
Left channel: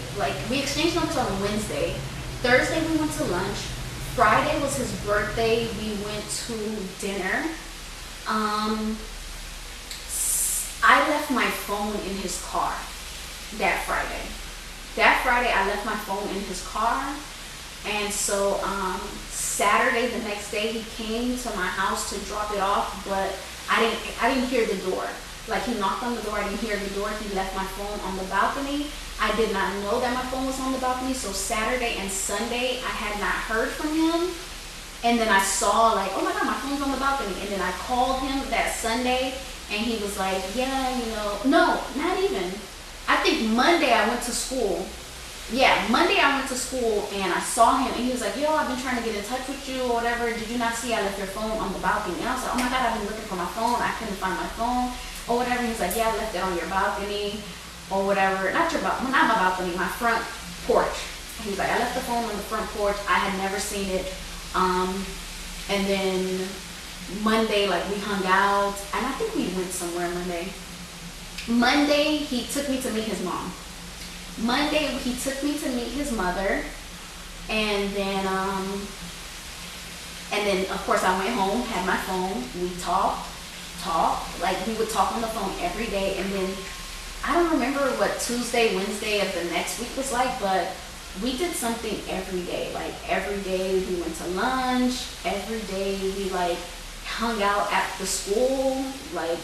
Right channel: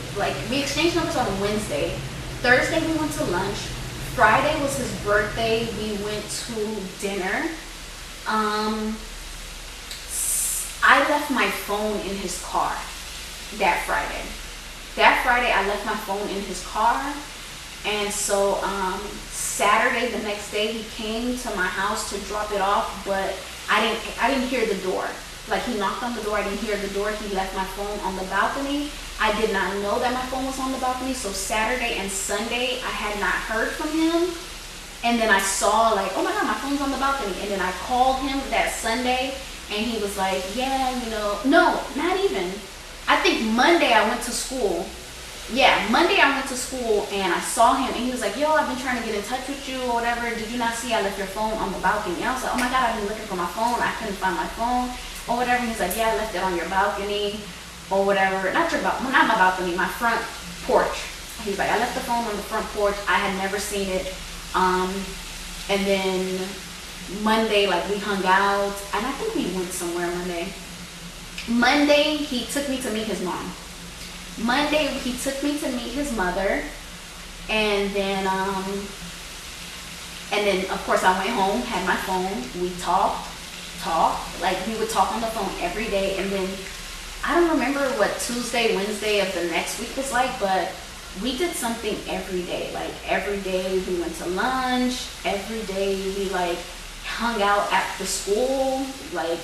exchanged numbers on Wednesday. Thursday we went to lunch. Friday was his birthday. We went to dinner. I left my phone in his car that Friday. That Friday, I left my phone in his car. And so Saturday, the next day, he came to my house to drop it off, but I didn't hear the door. Like, he knocked on the door, I didn't hear the door. He left my phone on the balcony. I did not know that my phone was on the balcony. So Saturday and Sunday, I had not heard from him. And then I saw, like, oh my God, my phone's on the balcony. And then I called him that Sunday, and he was like, yeah, you know, no, not even. I think Monday I went to school. Yeah, Monday I went to school and I saw him and he was like, yo, I've been trying to get in touch with you or whatever. Did you not see I left your phone on the balcony? And I was like, oh my God, I've been looking for my phone. I couldn't find my phone or whatever. He's like, yeah, I left it on your balcony or whatever. Not my balcony, my front porch. He's like, I left the phone on the front porch. I had never seen it. And then Monday, like, we hung out and I think we went somewhere Monday, he took me to meet his mom. Monday, he took me to meet his mother. And then of course, I went home, had my phone. We talked. Like, we would talk on the phone every day. And then, I don't remember what Tuesday, Wednesday of the next week was like, but we did something every day. Like, every day we went to lunch. Every day we, like, hung out after school. Like,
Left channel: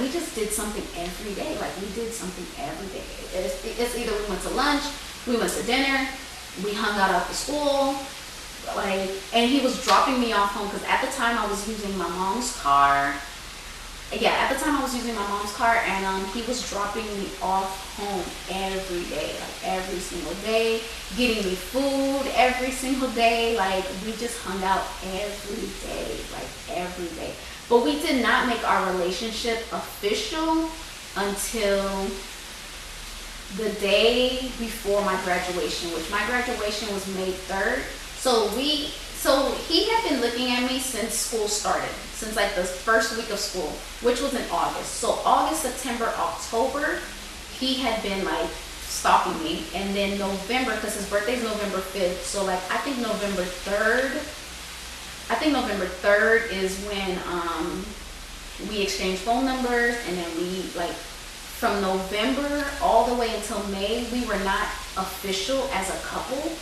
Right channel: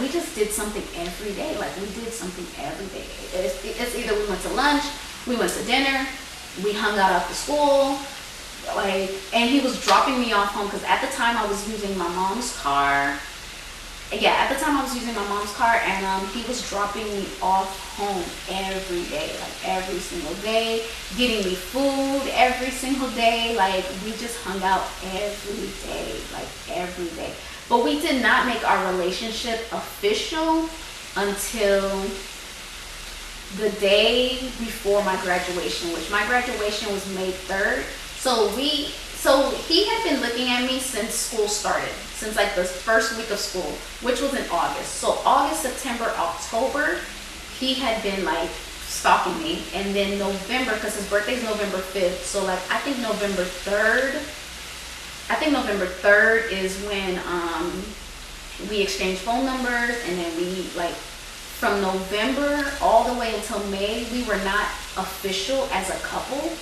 we just did something every day. Like, we did something every day. It's either we went to lunch, we went to dinner, we hung out after school, like, and he was dropping me off home because at the time I was using my mom's car. Yeah, at the time I was using my mom's car, and he was dropping me off home every day, like every single day, getting me food every single day. Like, we just hung out every day, like every day. But we did not make our relationship official until the day before my graduation, which my graduation was May 3rd. So he had been looking at me since school started, since like the first week of school, which was in August. So August, September, October, he had been like stalking me. And then November, because his birthday is November 5th. So like, I think November 3rd is when we exchanged phone numbers. And then we, like, from November all the way until May, we were not official as a couple.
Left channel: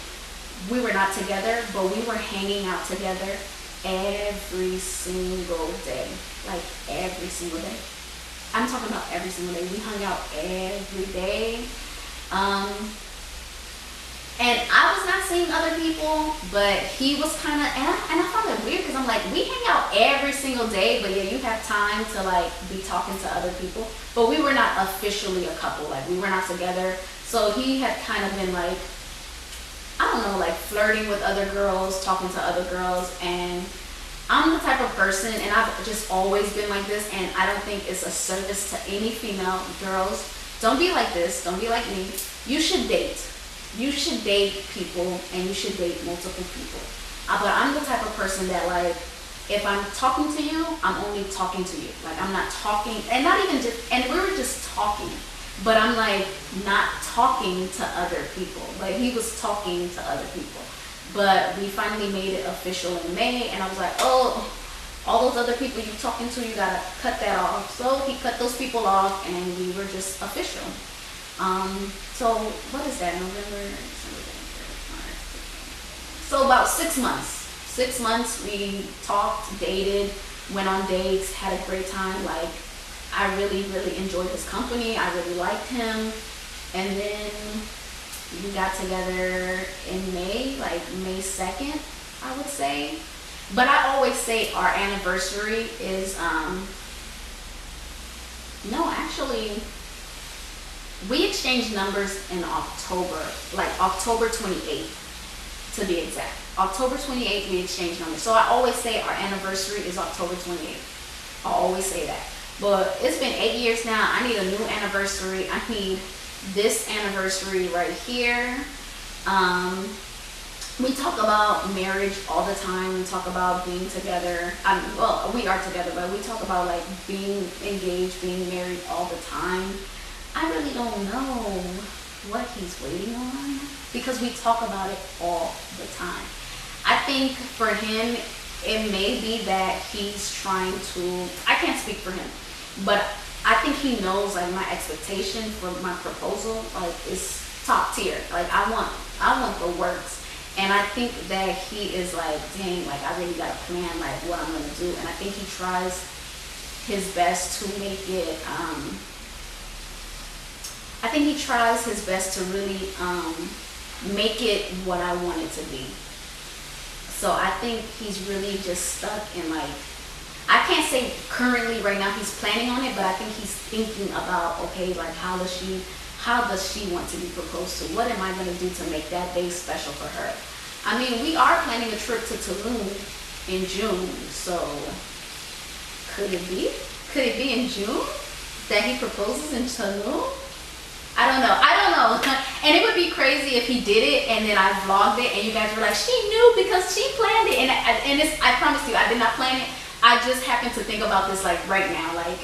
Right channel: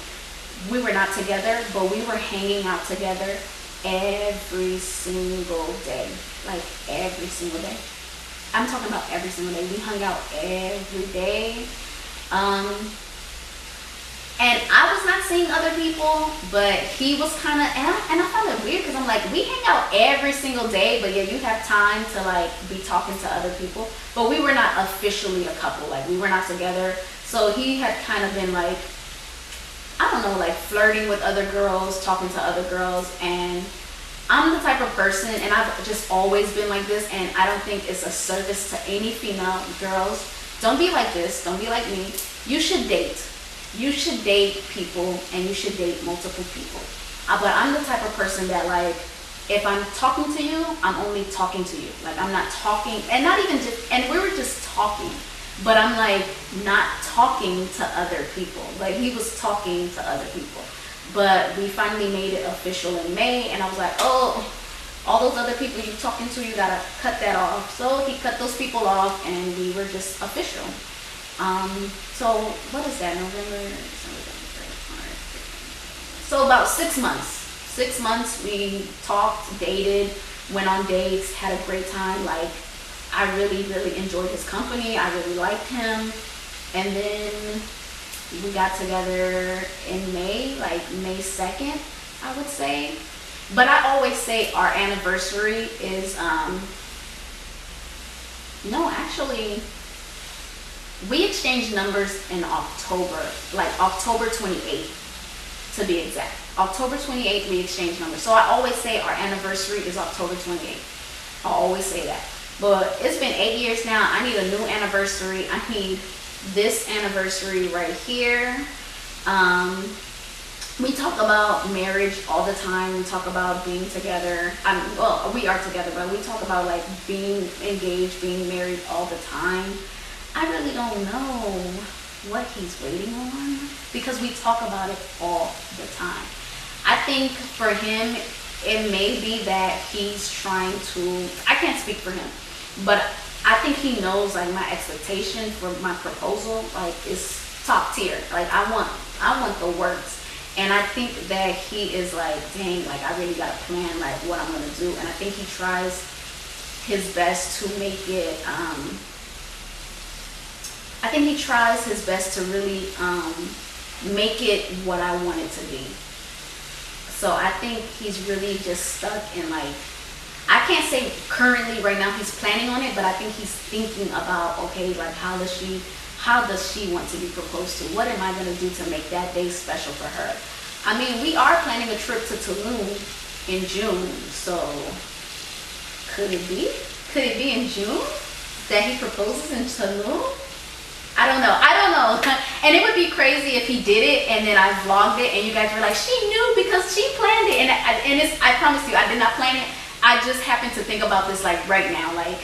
We were not together, but we were hanging out together every single day. Like, every single day. I'm talking about every single day. We hung out every day. And I was not seeing other people, but he was kind of, and I found it weird because I'm like, we hang out every single day, but yeah, you have time to like be talking to other people. But we were not officially a couple. Like, we were not together. So he had kind of been like, I don't know, like flirting with other girls, talking to other girls. And I'm the type of person, and I've just always been like this, and I don't think it's a service to any female girls. Don't be like this. Don't be like me. You should date. You should date people, and you should date multiple people. But I'm the type of person that, like, if I'm talking to you, I'm only talking to you. Like, I'm not talking, and not even just, and we were just talking. but I'm like not talking to other people. Like he was talking to other people. But we finally made it official in May, and I was like, oh, all those other people you're talking to, you gotta cut that off. So he cut those people off, and we were just official. So what is that? November, December, January, so about 6 months. 6 months we talked, dated, went on dates, had a great time. Like I really, really enjoyed his company. I really liked him. And then we got together in May, like May 2nd, I would say. But I always say our anniversary is, no, actually, we exchanged numbers in October, like October 28th, to be exact. October 28th, we exchanged numbers. So I always say our anniversary is October 28th. I always say that. But it's been 8 years now. I need a new anniversary. I need this anniversary right here. We talk about marriage all the time. We talk about being together. Well, we are together, but we talk about like being engaged, being married all the time. I really don't know what he's waiting on because we talk about it all the time. I think for him, it may be that he's trying to, I can't speak for him, but I think he knows like my expectation for my proposal like is top tier. Like I want the works. And I think that he is like, dang, like I really got to plan like what I'm going to do. And I think he tries his best to make it, I think he tries his best to really make it what I want it to be. So I think he's really just stuck in like, I can't say currently right now he's planning on it, but I think he's thinking about, okay, like how does she want to be proposed to? What am I going to do to make that day special for her? I mean, we are planning a trip to Tulum in June, so could it be? Could it be in June that he proposes in Tulum? I don't know. And it would be crazy if he did it and then I vlogged it and you guys were like, she knew because she planned it. And it's, I promise you, I did not plan it. I just happened to think about this like right now, like,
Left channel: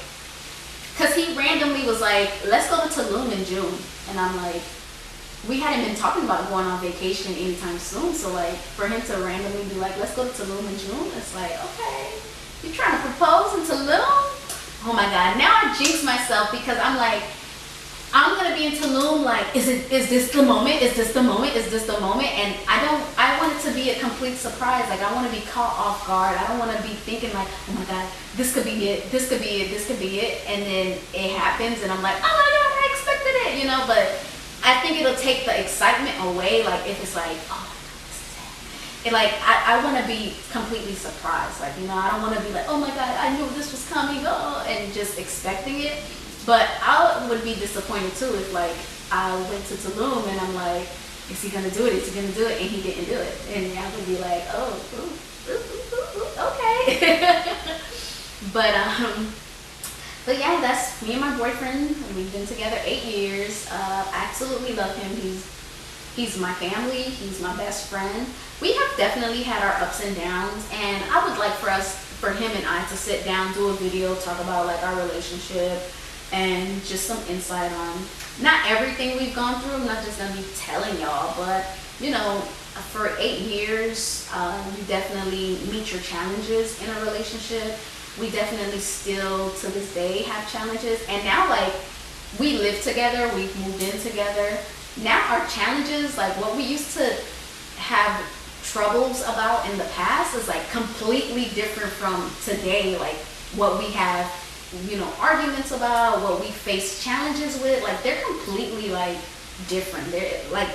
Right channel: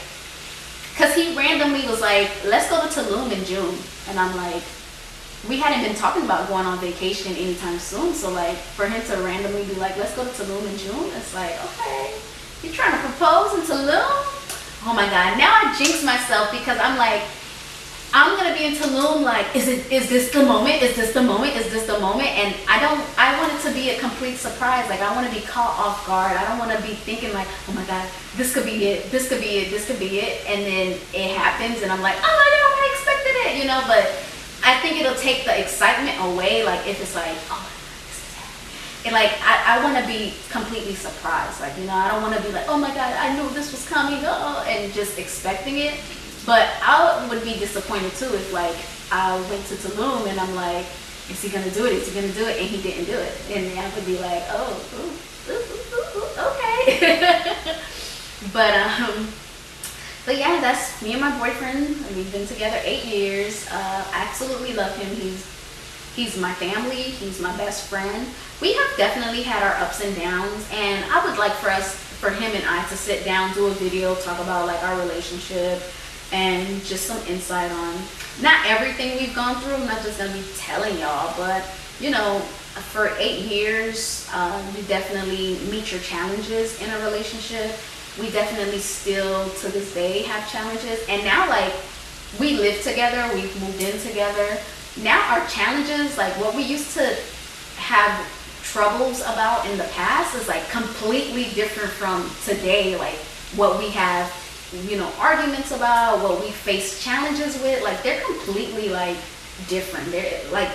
cause he randomly was like, let's go to Tulum in June. And I'm like, we hadn't been talking about going on vacation anytime soon. So like for him to randomly be like, let's go to Tulum in June. It's like, okay, you're trying to propose in Tulum? Oh my God. Now I jinx myself because I'm like, I'm going to be in Tulum like, is this the moment? Is this the moment? Is this the moment? And I want it to be a complete surprise. Like I want to be caught off guard. I don't want to be thinking like, oh my God, this could be it. This could be it. This could be it. And then it happens and I'm like, oh my God, I expected it, you know, but I think it'll take the excitement away. Like if it's like, oh my God, this is it. And like, I want to be completely surprised. Like, you know, I don't want to be like, oh my God, I knew this was coming, and just expecting it. But I would be disappointed too if like I went to Tulum and I'm like, is he gonna do it? Is he gonna do it? And he didn't do it. And I would be like, oh, okay. But yeah, that's me and my boyfriend. We've been together 8 years. I absolutely love him. He's my family. He's my best friend. We have definitely had our ups and downs, and I would like for him and I to sit down, do a video, talk about like our relationship and just some insight on not everything we've gone through. I'm not just gonna be telling y'all, but you know, for 8 years, you definitely meet your challenges in a relationship. We definitely still to this day have challenges, and now like we live together, we've moved in together. Now our challenges, like what we used to have troubles about in the past, is like completely different from today. Like what we have, you know, arguments about, what we face challenges with, like they're completely like different. They're like,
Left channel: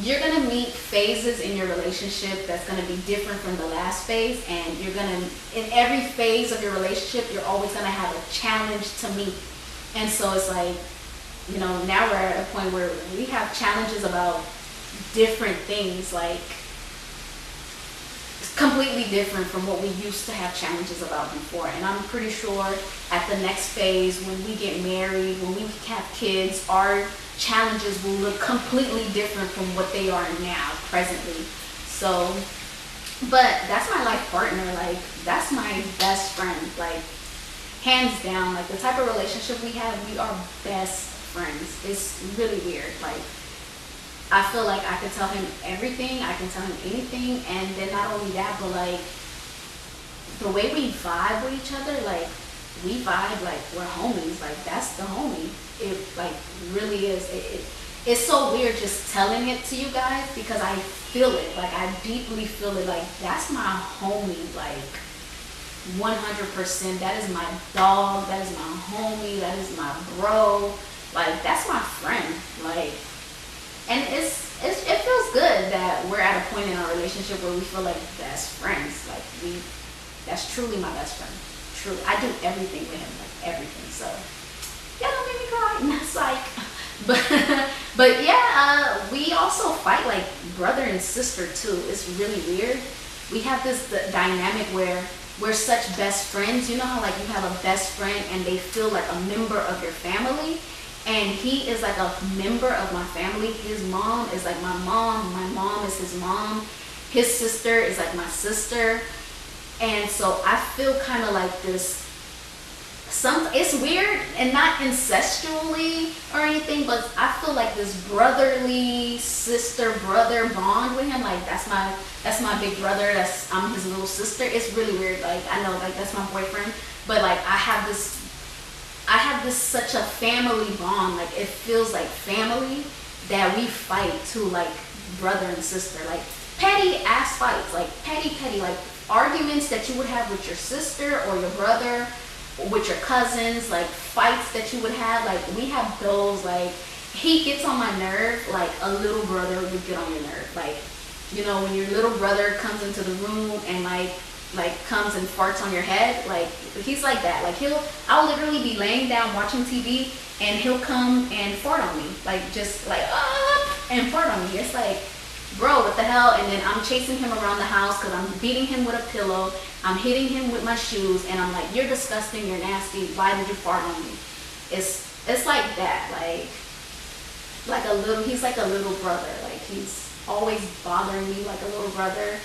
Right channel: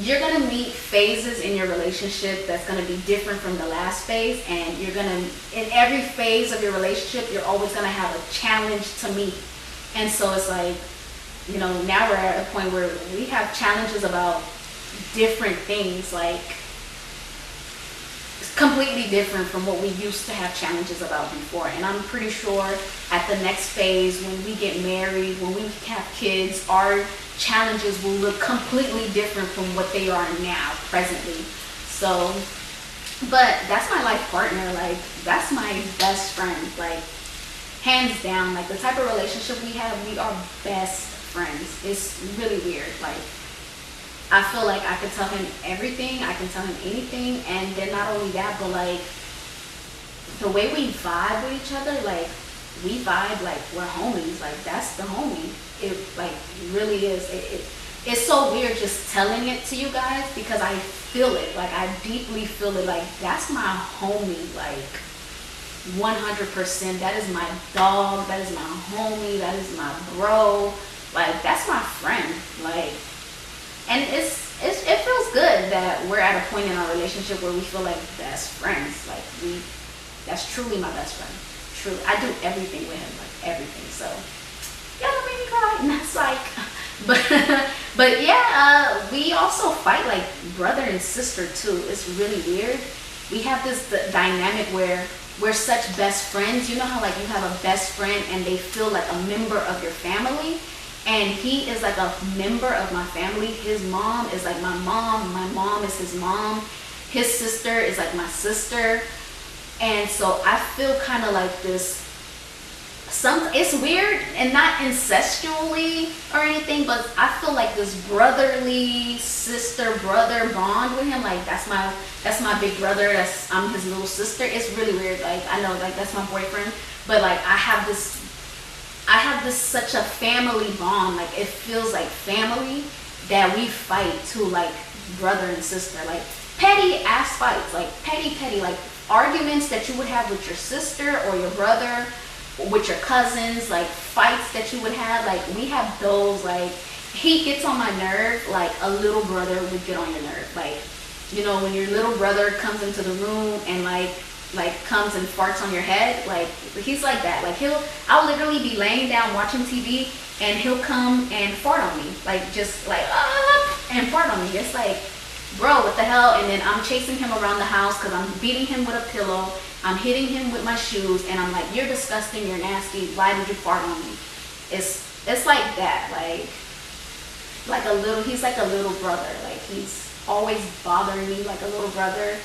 you're gonna meet phases in your relationship that's gonna be different from the last phase, and you're gonna, in every phase of your relationship, you're always gonna have a challenge to meet. And so it's like, you know, now we're at a point where we have challenges about different things, like completely different from what we used to have challenges about before. And I'm pretty sure at the next phase, when we get married, when we have kids, our challenges will look completely different from what they are now, presently. So, but that's my life partner. Like, that's my best friend. Like, hands down, like the type of relationship we have, we are best friends. It's really weird. Like, I feel like I can tell him everything, I can tell him anything, and then not only that, but like the way we vibe with each other, like we vibe like we're homies. Like, that's the homie. It like really is. It's so weird just telling it to you guys, because I feel it. Like, I deeply feel it. Like, that's my homie. Like, 100%. That is my dog. That is my homie. That is my bro. Like, that's my friend. Like, and it feels good that we're at a point in our relationship where we feel like best friends. Like, that's truly my best friend. Truly, I do everything with him. Like, everything. So, yeah, don't make me cry. And that's like, but yeah, we also fight like brother and sister too. It's really weird. We have this dynamic where we're such best friends. You know how like you have a best friend and they feel like a member of your family, and he is like a member of my family. His mom is like my mom is his mom, his sister is like my sister. And so I feel kind of like this, it's weird, and not incestually or anything, but I feel like this brotherly sister-brother bond with him. Like, that's my big brother, I'm his little sister. It's really weird. Like, I know, like, that's my boyfriend, but like I have this such a family bond. Like, it feels like family, that we fight too, like brother and sister. Like, petty ass fights, like petty, like arguments that you would have with your sister or your brother, with your cousins, like fights that you would have. Like, we have those. Like, he gets on my nerve like a little brother would get on your nerve. Like, you know, when your little brother comes into the room and like comes and farts on your head, like, he's like that. Like, I'll literally be laying down watching TV and he'll come and fart on me, like, just like and fart on me. It's like, bro, what the hell? And then I'm chasing him around the house because I'm beating him with a pillow, I'm hitting him with my shoes, and I'm like, you're disgusting, you're nasty, why did you fart on me? It's like that. Like a little, he's like a little brother. Like, he's always bothering me like a little brother.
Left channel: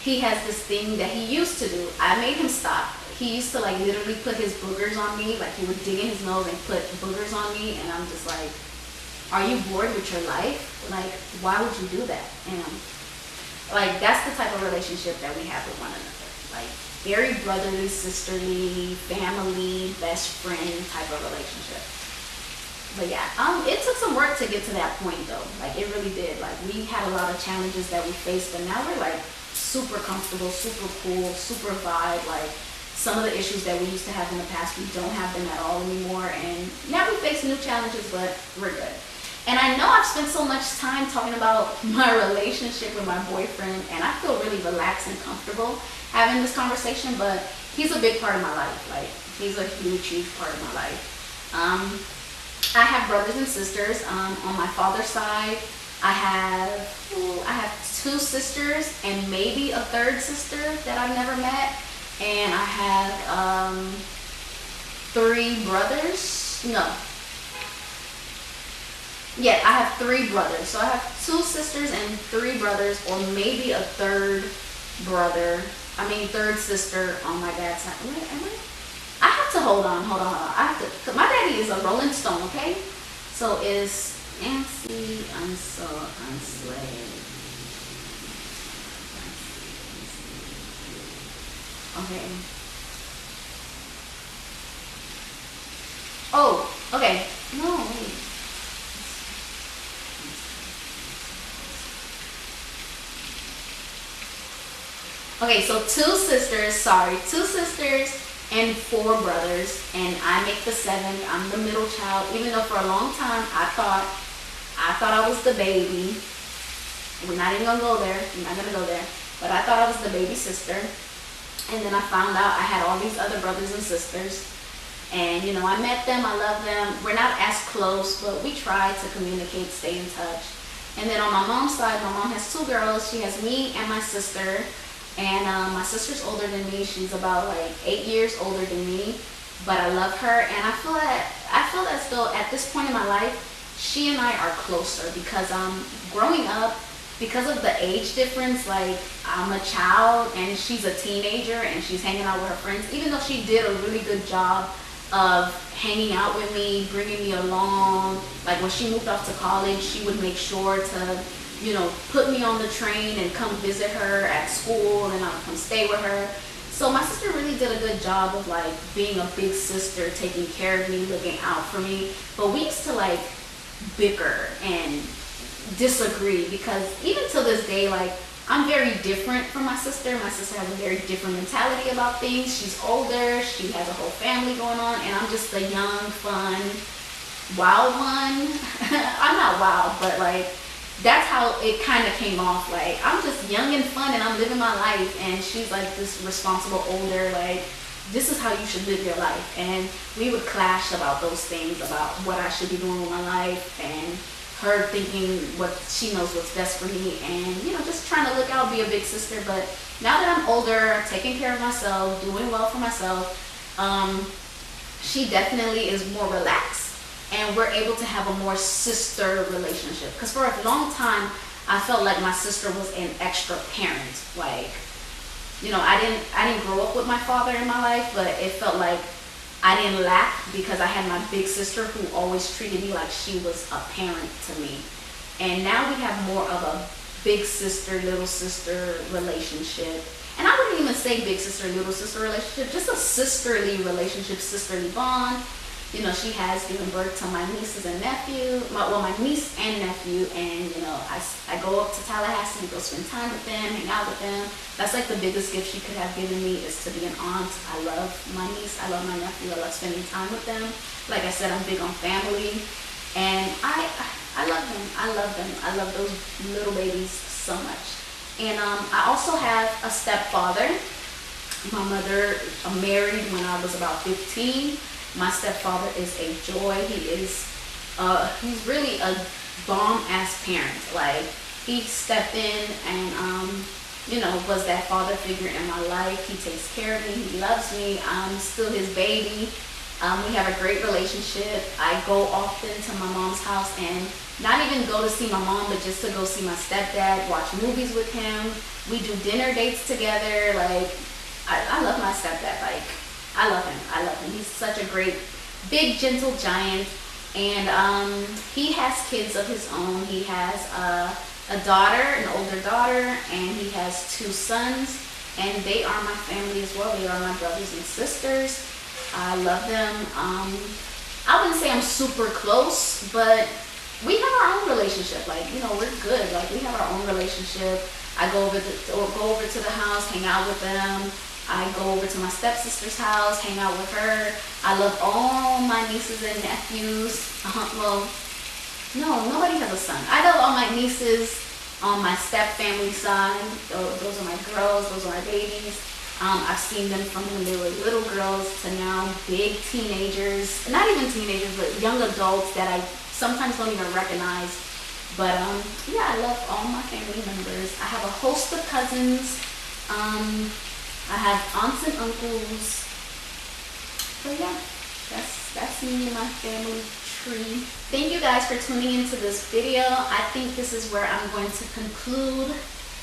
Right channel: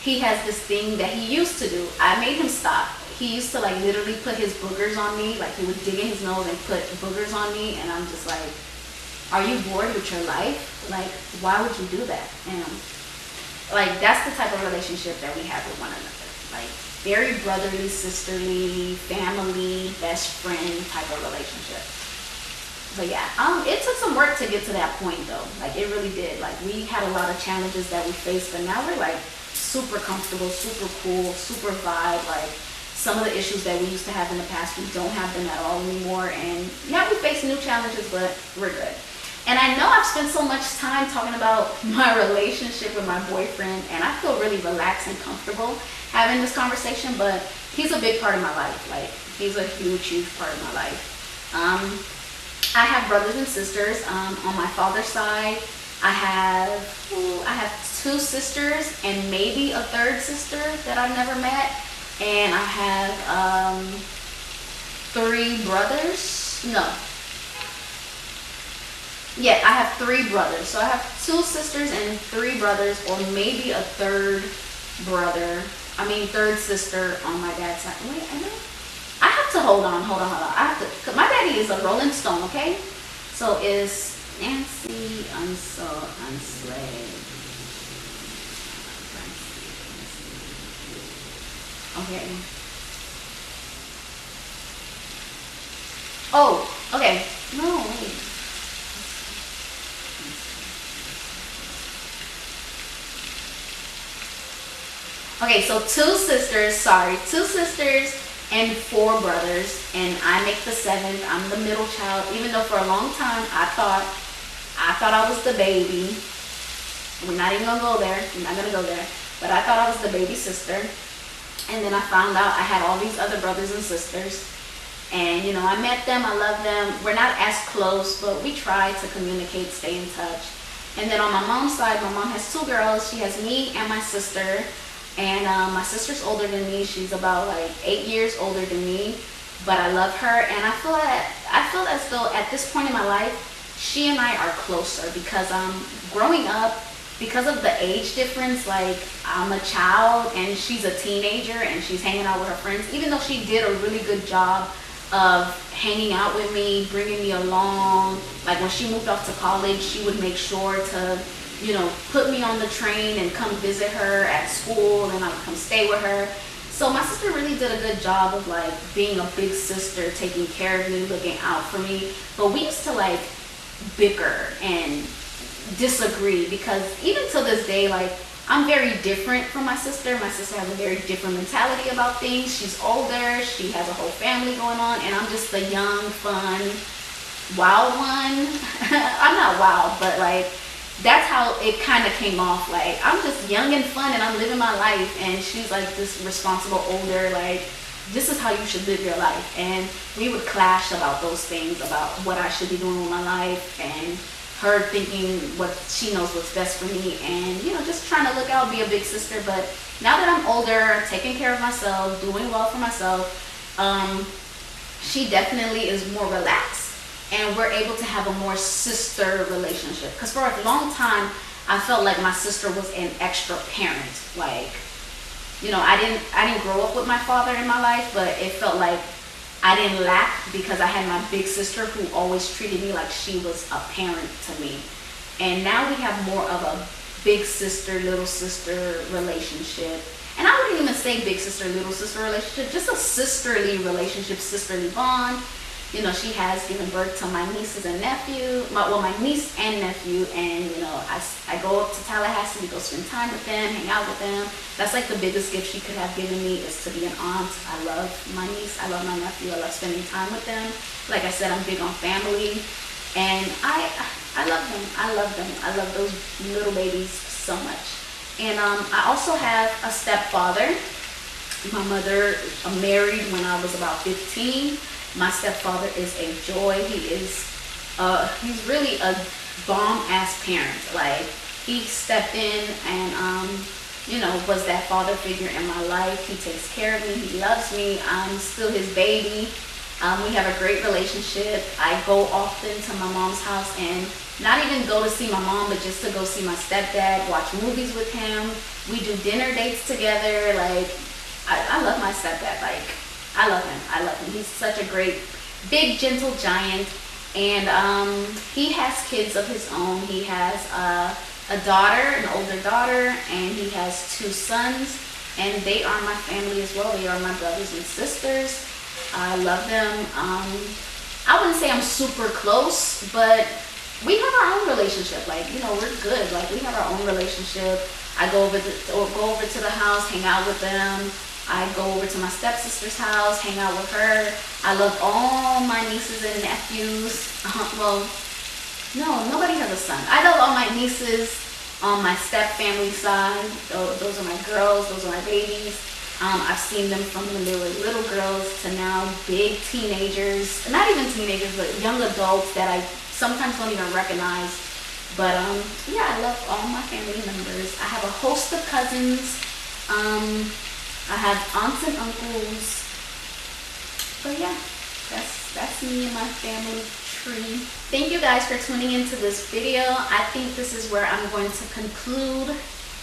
He has this thing that he used to do. I made him stop. He used to like literally put his boogers on me. Like, he would dig in his nose and put boogers on me, and I'm just like, are you bored with your life? Like, why would you do that? And like, that's the type of relationship that we have with one another. Like, very brotherly, sisterly, family, best friend type of relationship. But yeah, it took some work to get to that point though. Like, it really did. Like, we had a lot of challenges that we faced, but now we're like super comfortable, super cool, super vibe. Like, some of the issues that we used to have in the past, we don't have them at all anymore. And now we face new challenges, but we're good. And I know I've spent so much time talking about my relationship with my boyfriend, and I feel really relaxed and comfortable having this conversation, but he's a big part of my life. Like, he's a huge part of my life. I have brothers and sisters. On my father's side, I have 2 sisters and maybe a 3rd sister that I've never met. And I have 3 brothers. No. Yeah, I have 3 brothers. So I have 2 sisters and 3 brothers, or maybe a 3rd sister on my dad's side. Wait, I have to hold on. I have to, cause my daddy is a Rolling Stone, okay? So is Nancy Unsled. Okay. Oh, okay. No, wait. Okay, so 2 sisters and 4 brothers, and I make the 7th. I'm the middle child, even though for a long time I thought I was the baby. We're not even gonna go there. I'm not gonna go there. But I thought I was the baby sister. And then I found out I had all these other brothers and sisters. And, you know, I met them, I love them. We're not as close, but we try to communicate, stay in touch. And then on my mom's side, my mom has 2 girls. She has me and my sister. And my sister's older than me. She's about like 8 years older than me. But I love her. And I feel as though at this point in my life, she and I are closer. Because growing up, because of the age difference, like, I'm a child and she's a teenager and she's hanging out with her friends. Even though she did a really good job of hanging out with me, bringing me along. Like when she moved off to college, she would make sure to, you know, put me on the train and come visit her at school, and I would come stay with her. So my sister really did a good job of like being a big sister, taking care of me, looking out for me. But we used to like bicker and disagree, because even to this day, like, I'm very different from my sister. My sister has a very different mentality about things. She's older, she has a whole family going on, and I'm just the young, fun, wild one. I'm not wild, but like, that's how it kind of came off. Like, I'm just young and fun and I'm living my life, and she's like this responsible older, like, this is how you should live your life. And we would clash about those things, about what I should be doing with my life, and her thinking what she knows what's best for me, and, you know, just trying to look out, be a big sister. But now that I'm older, taking care of myself, doing well for myself, she definitely is more relaxed, and we're able to have a more sister relationship. Because for a long time, I felt like my sister was an extra parent. Like, you know, I didn't grow up with my father in my life, but it felt like I didn't lack because I had my big sister who always treated me like she was a parent to me. And now we have more of a big sister, little sister relationship. And I wouldn't even say big sister, little sister relationship, just a sisterly relationship, sisterly bond. You know, she has given birth to my nieces and nephew, my niece and nephew, and, you know, I go up to Tallahassee to go spend time with them, hang out with them. That's like the biggest gift she could have given me, is to be an aunt. I love my niece, I love my nephew, I love spending time with them. Like I said, I'm big on family, and I love them. I love them. I love those little babies so much. And I also have a stepfather. My mother married when I was about 15. My stepfather is a joy. He is, he's really a bomb-ass parent. Like, he stepped in and, you know, was that father figure in my life. He takes care of me. He loves me. I'm still his baby. We have a great relationship. I go often to my mom's house, and not even go to see my mom, but just to go see my stepdad, watch movies with him. We do dinner dates together. Like, I love my stepdad. Like, I love him. I love him. He's such a great, big, gentle giant. And he has kids of his own. He has a daughter, an older daughter, and he has 2 sons. And they are my family as well. They are my brothers and sisters. I love them. I wouldn't say I'm super close, but we have our own relationship. Like, you know, we're good. Like, we have our own relationship. I go over to the house, hang out with them. I go over to my stepsister's house, hang out with her. I love all my nieces and nephews. Well, no, nobody has a son. I love all my nieces on my step family side. Those are my girls. Those are my babies. I've seen them from when they were little girls to now big teenagers. Not even teenagers, but young adults that I sometimes don't even recognize. But yeah, I love all my family members. I have a host of cousins. I have aunts and uncles. But yeah, that's me and my family tree. Thank you guys for tuning into this video. I think this is where I'm going to conclude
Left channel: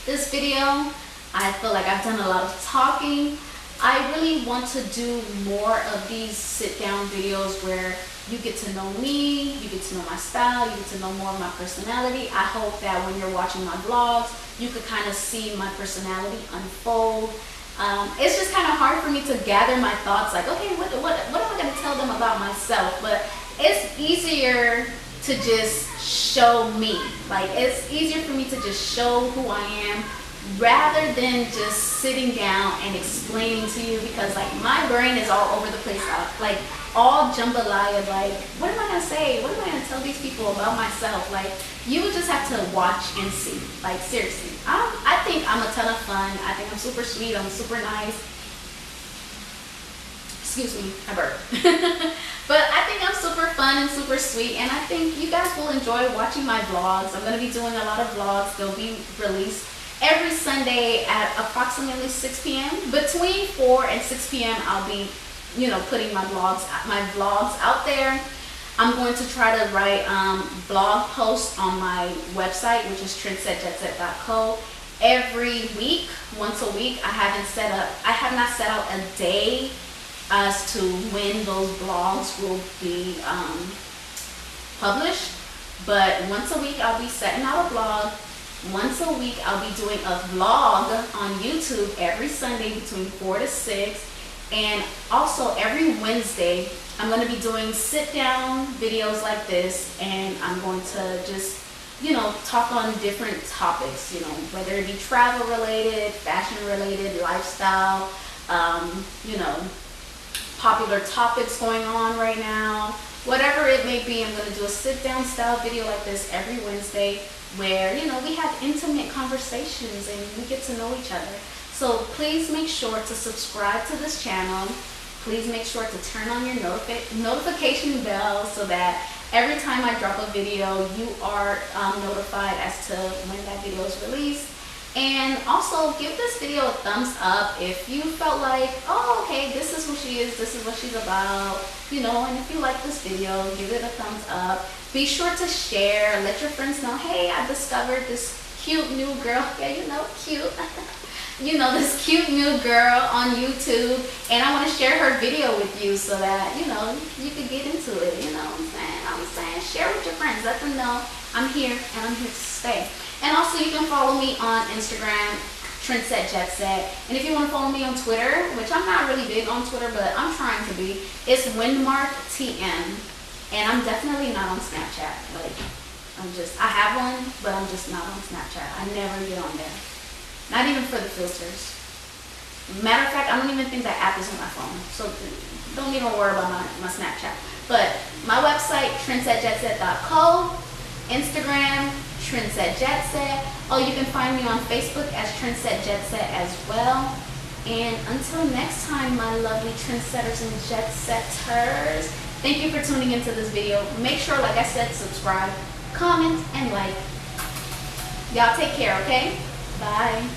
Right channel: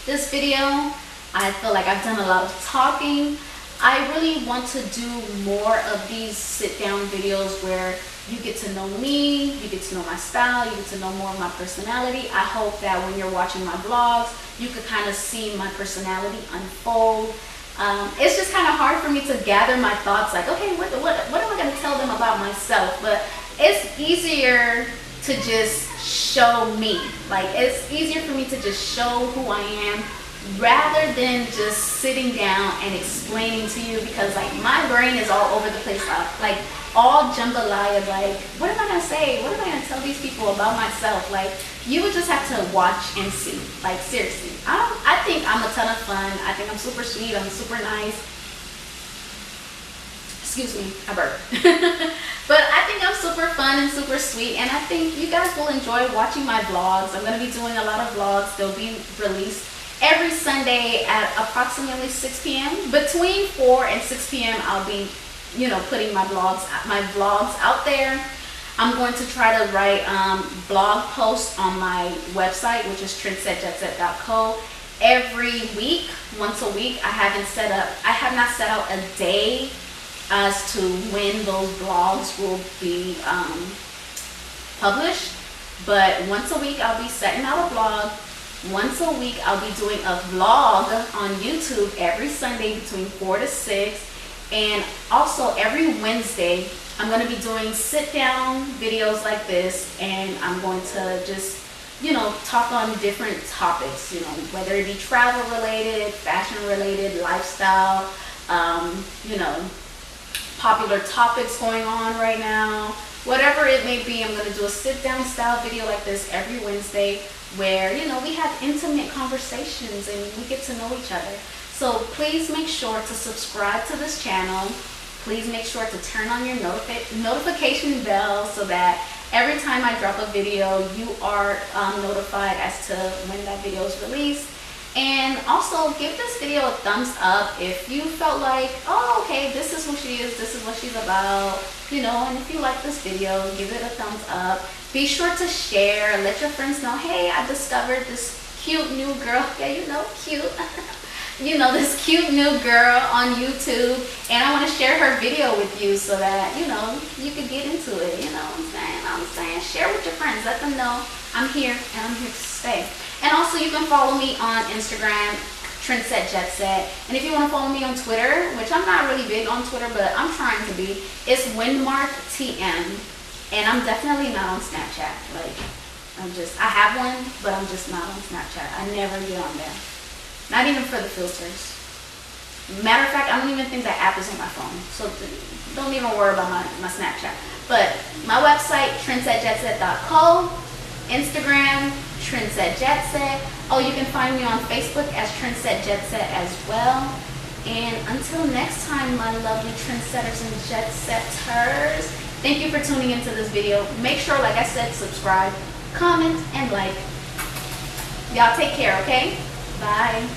this video. I feel like I've done a lot of talking. I really want to do more of these sit-down videos where you get to know me, you get to know my style, you get to know more of my personality. I hope that when you're watching my vlogs, you could kind of see my personality unfold. It's just kind of hard for me to gather my thoughts, like, okay, what am I going to tell them about myself? But it's easier to just show me. Like, it's easier for me to just show who I am, rather than just sitting down and explaining to you, because like my brain is all over the place, like all jambalaya. Like, what am I gonna say? What am I gonna tell these people about myself? Like, you would just have to watch and see. Like, seriously, I think I'm a ton of fun. I think I'm super sweet. I'm super nice. Excuse me, I burped. But I think I'm super fun and super sweet, and I think you guys will enjoy watching my vlogs. I'm gonna be doing a lot of vlogs. They'll be released every Sunday at approximately 6 p.m. Between 4 and 6 p.m. I'll be, you know, putting my vlogs out there. I'm going to try to write blog posts on my website, which is trendsetjetset.co, every week, once a week. I have not set out a day as to when those blogs will be published. But once a week I'll be setting out a blog. Once a week I'll be doing a vlog on YouTube every Sunday between 4 to 6. And also every Wednesday I'm going to be doing sit down videos like this, and I'm going to just, you know, talk on different topics, you know, whether it be travel related, fashion related, lifestyle, you know, popular topics going on right now, whatever it may be. I'm going to do a sit down style video like this every Wednesday where, you know, we have intimate conversations and we get to know each other. So please make sure to subscribe to this channel. Please make sure to turn on your notification bell so that every time I drop a video, you are notified as to when that video is released. And also give this video a thumbs up if you felt like, oh, okay, this is who she is, this is what she's about, you know. And if you like this video, give it a thumbs up. Be sure to share, let your friends know, hey, I discovered this cute new girl. Yeah, you know, cute. You know, this cute new girl on YouTube, and I want to share her video with you so that, you know, you could get into it. You know what I'm saying? Share with your friends. Let them know I'm here and I'm here to stay. And also you can follow me on Instagram, Trendset Jet Set. And if you want to follow me on Twitter, which I'm not really big on Twitter, but I'm trying to be, it's WindmarkTM. And I'm definitely not on Snapchat. Like, I have one, but I'm just not on Snapchat. I never get on there. Not even for the filters. Matter of fact, I don't even think that app is on my phone. So don't even worry about my Snapchat. But my website, trendsetjetset.co. Instagram, Trendset Jet Set. Oh, you can find me on Facebook as Trendset Jet Set as well. And until next time, my lovely trendsetters and jet setters, thank you for tuning into this video. Make sure, like I said, subscribe, comment, and like. Y'all take care, okay? Bye.